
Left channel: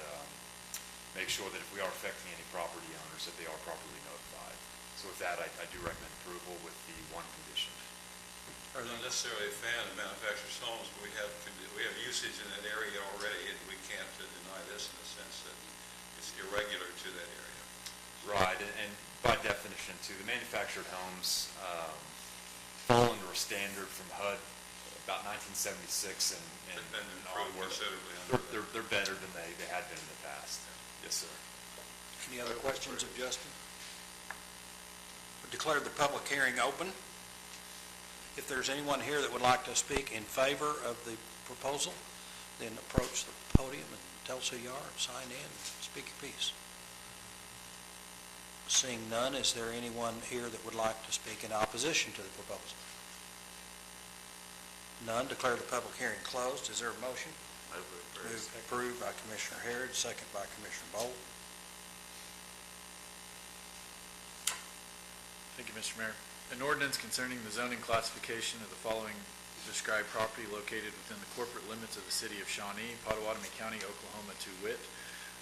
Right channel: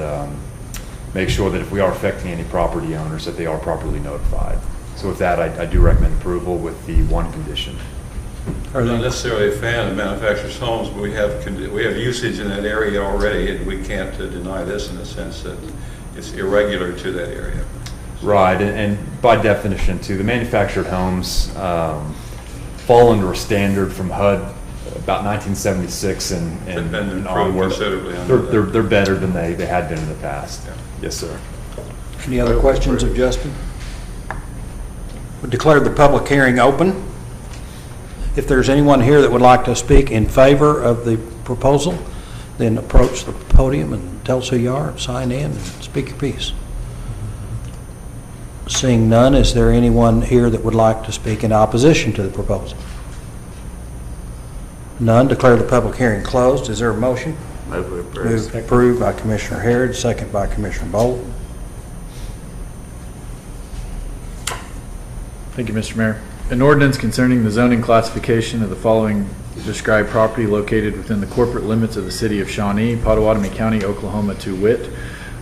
make sure that if we are affecting any property owners, that they are properly notified. So with that, I do recommend approval with the 1 condition. I'm not necessarily a fan of manufactured homes, but we have usage in that area already, and we can't deny this in the sense that it's irregular to that area. Right, and by definition too, the manufactured homes fall under a standard from HUD about 1976 and They've been improved onward. considerably under that. They're better than they had been in the past. Yeah. Yes, sir. Any other questions of Justin? We declare the public hearing open. If there's anyone here that would like to speak in favor of the proposal, then approach the podium and tell us who you are, and sign in, and speak your piece. Seeing none, is there anyone here that would like to speak in opposition to the proposal? None. Declare the public hearing closed. Is there a motion? Move to approve. Moved, approved by Commissioner Harrod, second by Commissioner Bolt. Thank you, Mr. Mayor. An ordinance concerning the zoning classification of the following described property located within the corporate limits of the city of Shawnee, Pottawatomie County, Oklahoma, to wit:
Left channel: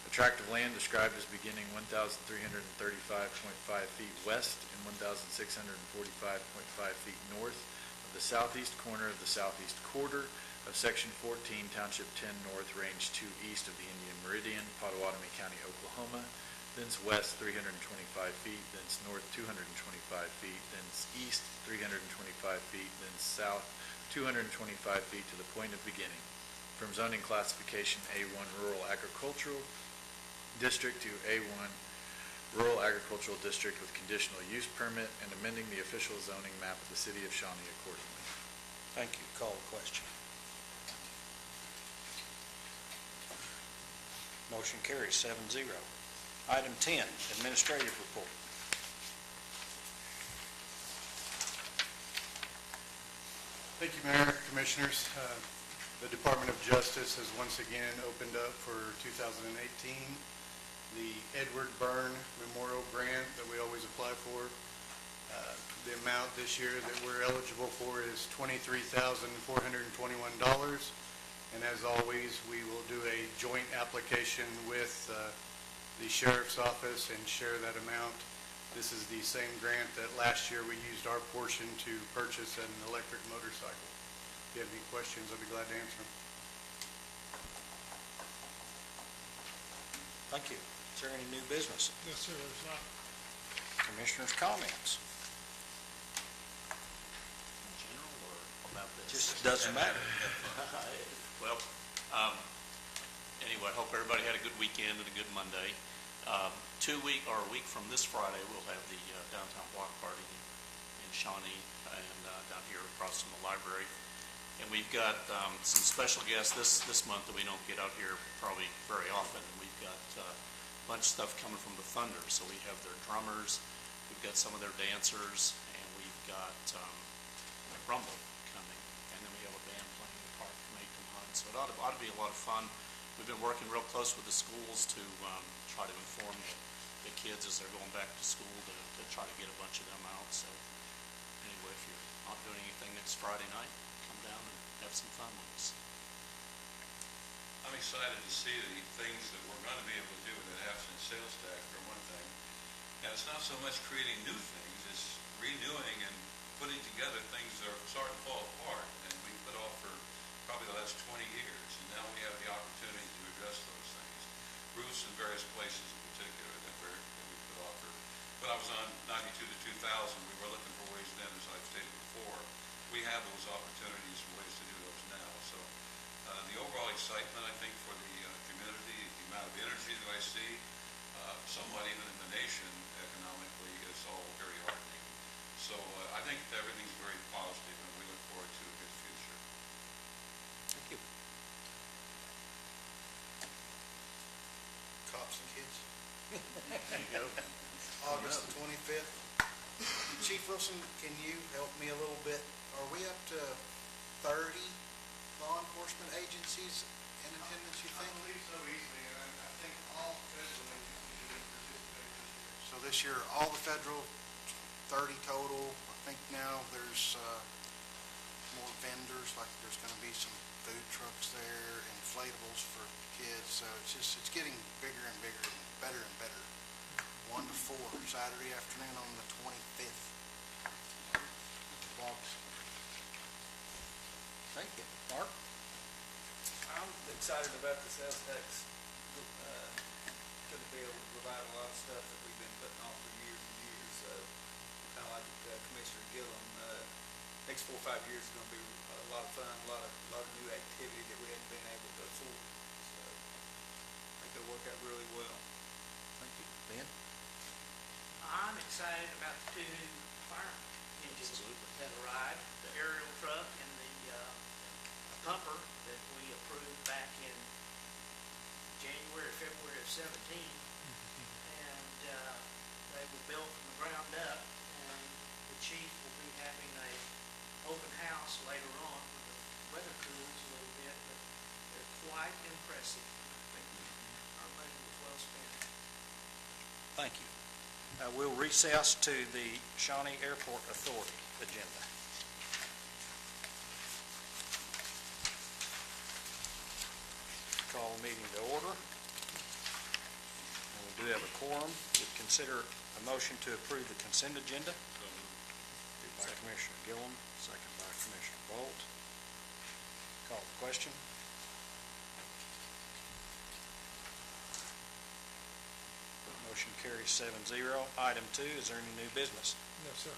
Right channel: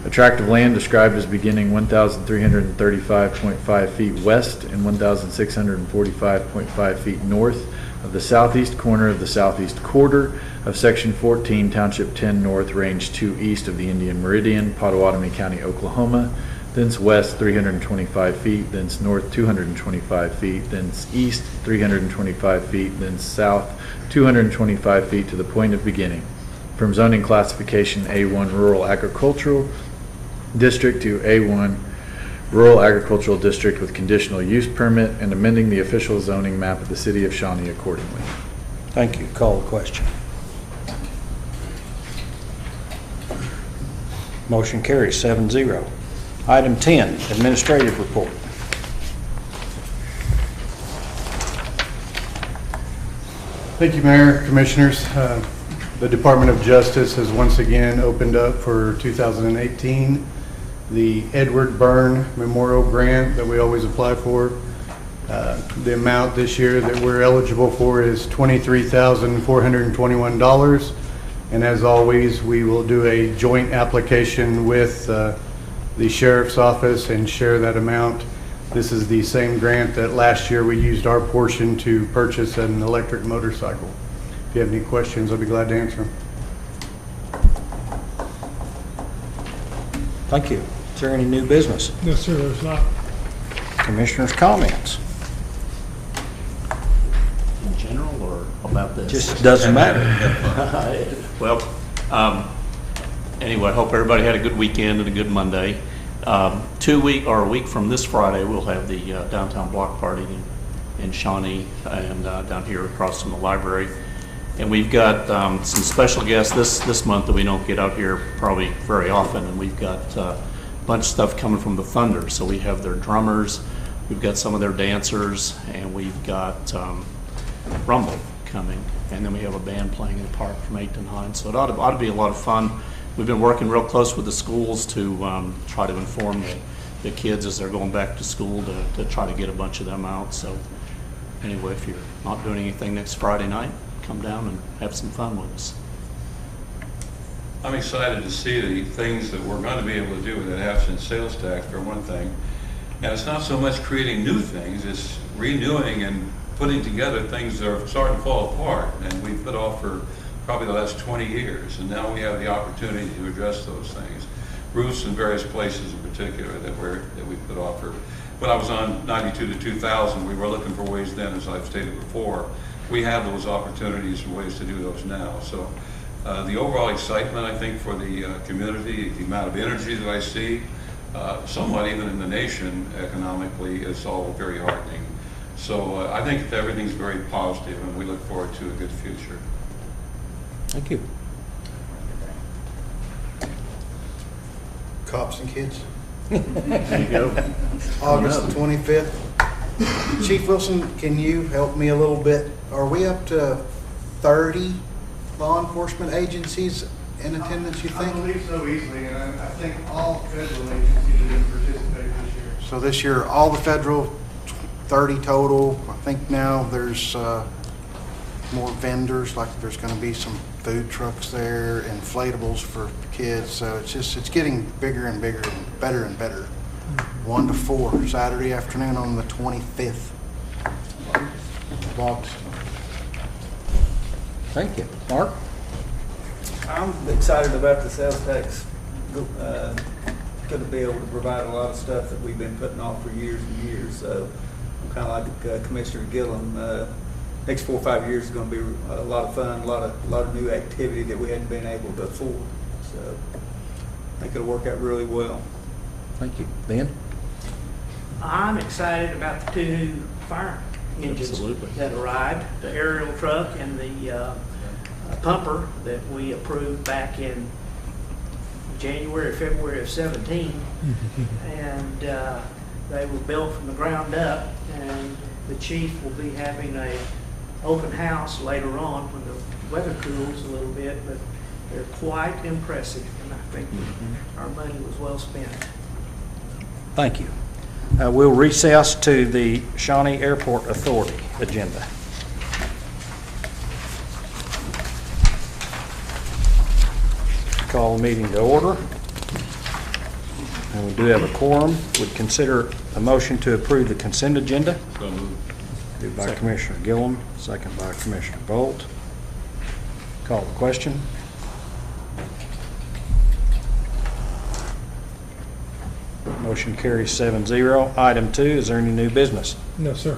a tract of land described as beginning 1,335.5 feet west and 1,645.5 feet north of the southeast corner of the southeast quarter of Section 14, Township 10 North, Range 2 east of the Indian Meridian, Pottawatomie County, Oklahoma, thence west 325 feet, thence north 225 feet, thence east 325 feet, thence south 225 feet to the point of beginning, from zoning classification A1 Rural Agricultural District to A1 Rural Agricultural District with conditional use permit, and amending the official zoning map of the city of Shawnee accordingly. Thank you. Call the question. Motion carries 7-0. Item 10, administrative report. Thank you, Mayor, Commissioners. The Department of Justice has once again opened up for 2018 the Edward Byrne Memorial Grant that we always apply for. The amount this year that we're eligible for is $23,421. And as always, we will do a joint application with the Sheriff's Office and share that amount This is the same grant that last year we used our portion to purchase an electric motorcycle. If you have any questions, I'll be glad to answer them. Thank you. Is there any new business? No, sir, there's not. Commissioners' comments? In general or about this? Just doesn't matter. Well, anyway, I hope everybody had a good weekend and a good Monday. A week from this Friday, we'll have the downtown block party in Shawnee and down here across from the library. And we've got some special guests this month that we don't get out here probably very often. And we've got a bunch of stuff coming from the Thunder. So we have their drummers, we've got some of their dancers, and we've got Rumble coming. And then we have a band playing in the park from 8 to 9. So it ought to be a lot of fun. We've been working real close with the schools to try to inform the kids as they're going back to school to try to get a bunch of them out. So anyway, if you're not doing anything next Friday night, come down and have some fun with us. I'm excited to see the things that we're going to be able to do with that absent sales tax, for one thing. And it's not so much creating new things, it's renewing and putting together things that are starting to fall apart. And we've put off for probably the last 20 years, and now we have the opportunity to address those things. Roofs in various places in particular that we put off for. When I was on 92 to 2000, we were looking for ways then, as I've stated before. We have those opportunities and ways to do those now. So the overall excitement, I think, for the community, the amount of energy that I see, somewhat even in the nation economically, is all very heartening. So I think that everything's very positive, and we look forward to a good future. Thank you. Cops and kids. There you go. August the 25th. Chief Wilson, can you help me a little bit? Are we up to 30 law enforcement agencies in attendance, you I think? believe so easily, and I think all federal agencies are going to participate this year. So this year, all the federal, 30 total. I think now there's more vendors, like there's going to be some food trucks there, inflatables for kids. So it's getting bigger and bigger and better. 1 to 4, Saturday afternoon on the 25th of August. Thank you. Mark? I'm excited about the sales tax. Going to be able to provide a lot of stuff that we've been putting off for years and years. So I'm kind of like Commissioner Gillum. Next 4 or 5 years is going to be a lot of fun, a lot of new activity that we hadn't been able to afford. So I think it'll work out really well. Thank you. Ben? I'm excited about the 2 new fire engines Absolutely. that arrived, the aerial truck and the pumper that we approved back in January, February of 17. And they were built from the ground up, and the chief will be having a open house later on when the weather cools a little bit, but they're quite impressive, and I think our money was well spent. Thank you. We'll recess to the Shawnee Airport Authority agenda. Call the meeting to order. And we do have a quorum. Would consider a motion to approve the consent agenda. So moved. Moved by Commissioner Gillum, second by Commissioner Bolt. Call the question. Motion carries 7-0. Item 2, is there any new business? No, sir.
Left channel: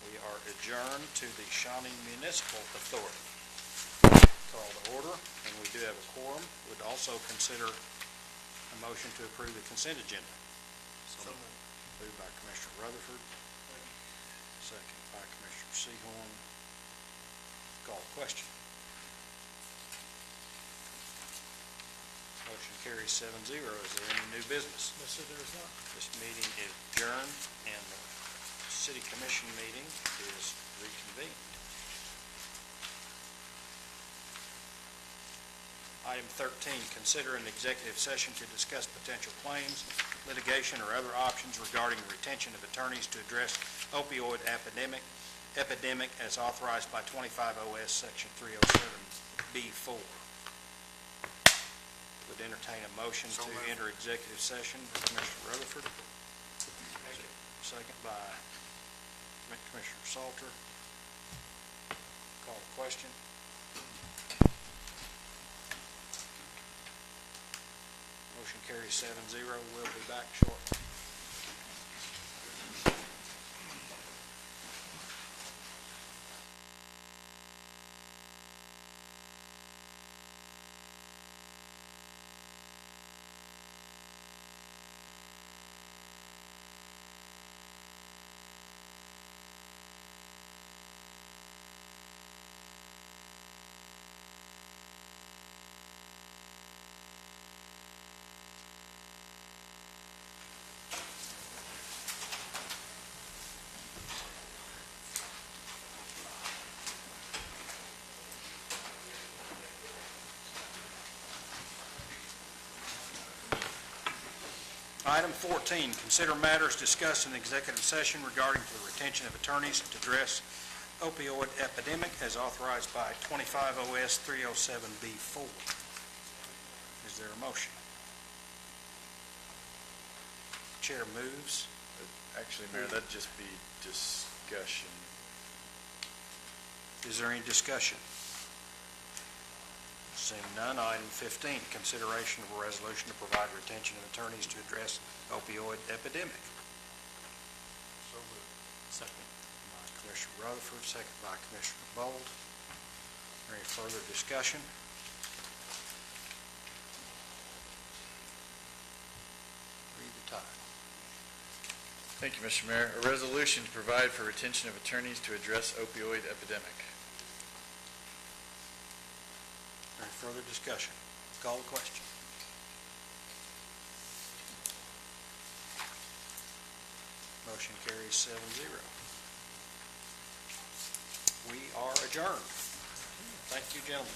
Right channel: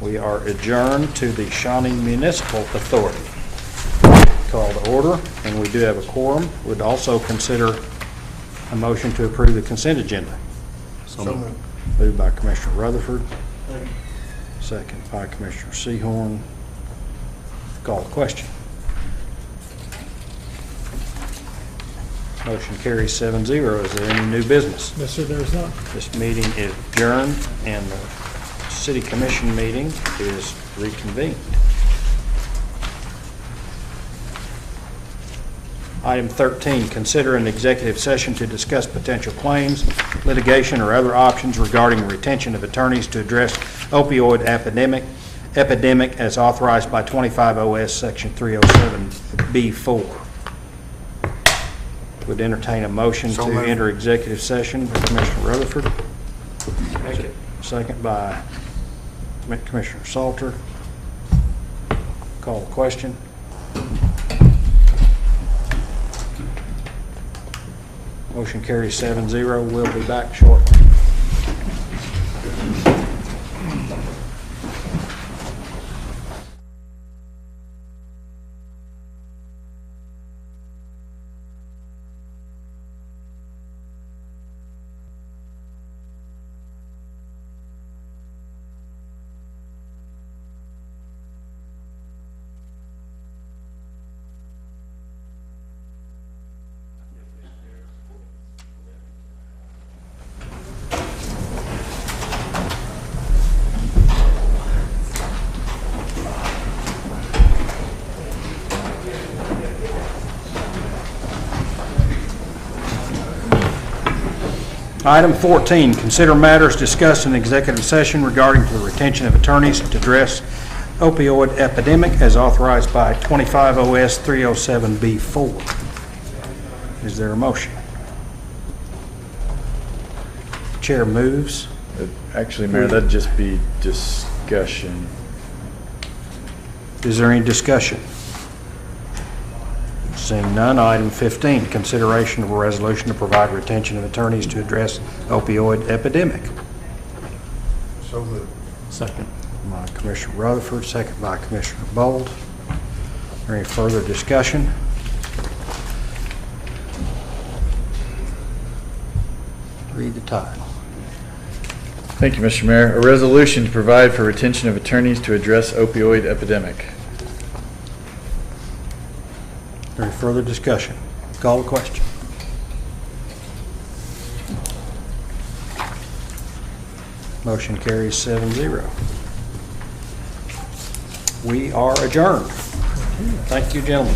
We are adjourned to the Shawnee Municipal Authority. Call to order, and we do have a quorum. Would also consider a motion to approve the consent agenda. So moved. Moved by Commissioner Rutherford. Second by Commissioner Sehorn. Call the question. Motion carries 7-0. Is there any new business? No, sir, there is not. This meeting is adjourned, and the city commission meeting is reconvened. Item 13, consider an executive session to discuss potential claims, litigation, or other options regarding retention of attorneys to address opioid epidemic as authorized by 25 OS Section 307B4. Would entertain a motion So to moved. enter executive session by Commissioner Rutherford. second by Commissioner Salter. Call the question. Motion carries 7-0. We'll be back shortly. Item 14, consider matters discussed in executive session regarding the retention of attorneys to address opioid epidemic as authorized by 25 OS 307B4. Is there a motion? Chair moves. Actually, Mayor, that'd just be discussion. Is there any discussion? Seeing none, item 15, consideration of a resolution to provide retention of attorneys to address opioid epidemic. So moved. Second. By Commissioner Rutherford, second by Commissioner Bold. Is there any further discussion? Read the title. Thank you, Mr. Mayor. A resolution to provide for retention of attorneys to address opioid epidemic. Is there any further discussion? Call the question. Motion carries 7-0. We are adjourned. Thank you, gentlemen.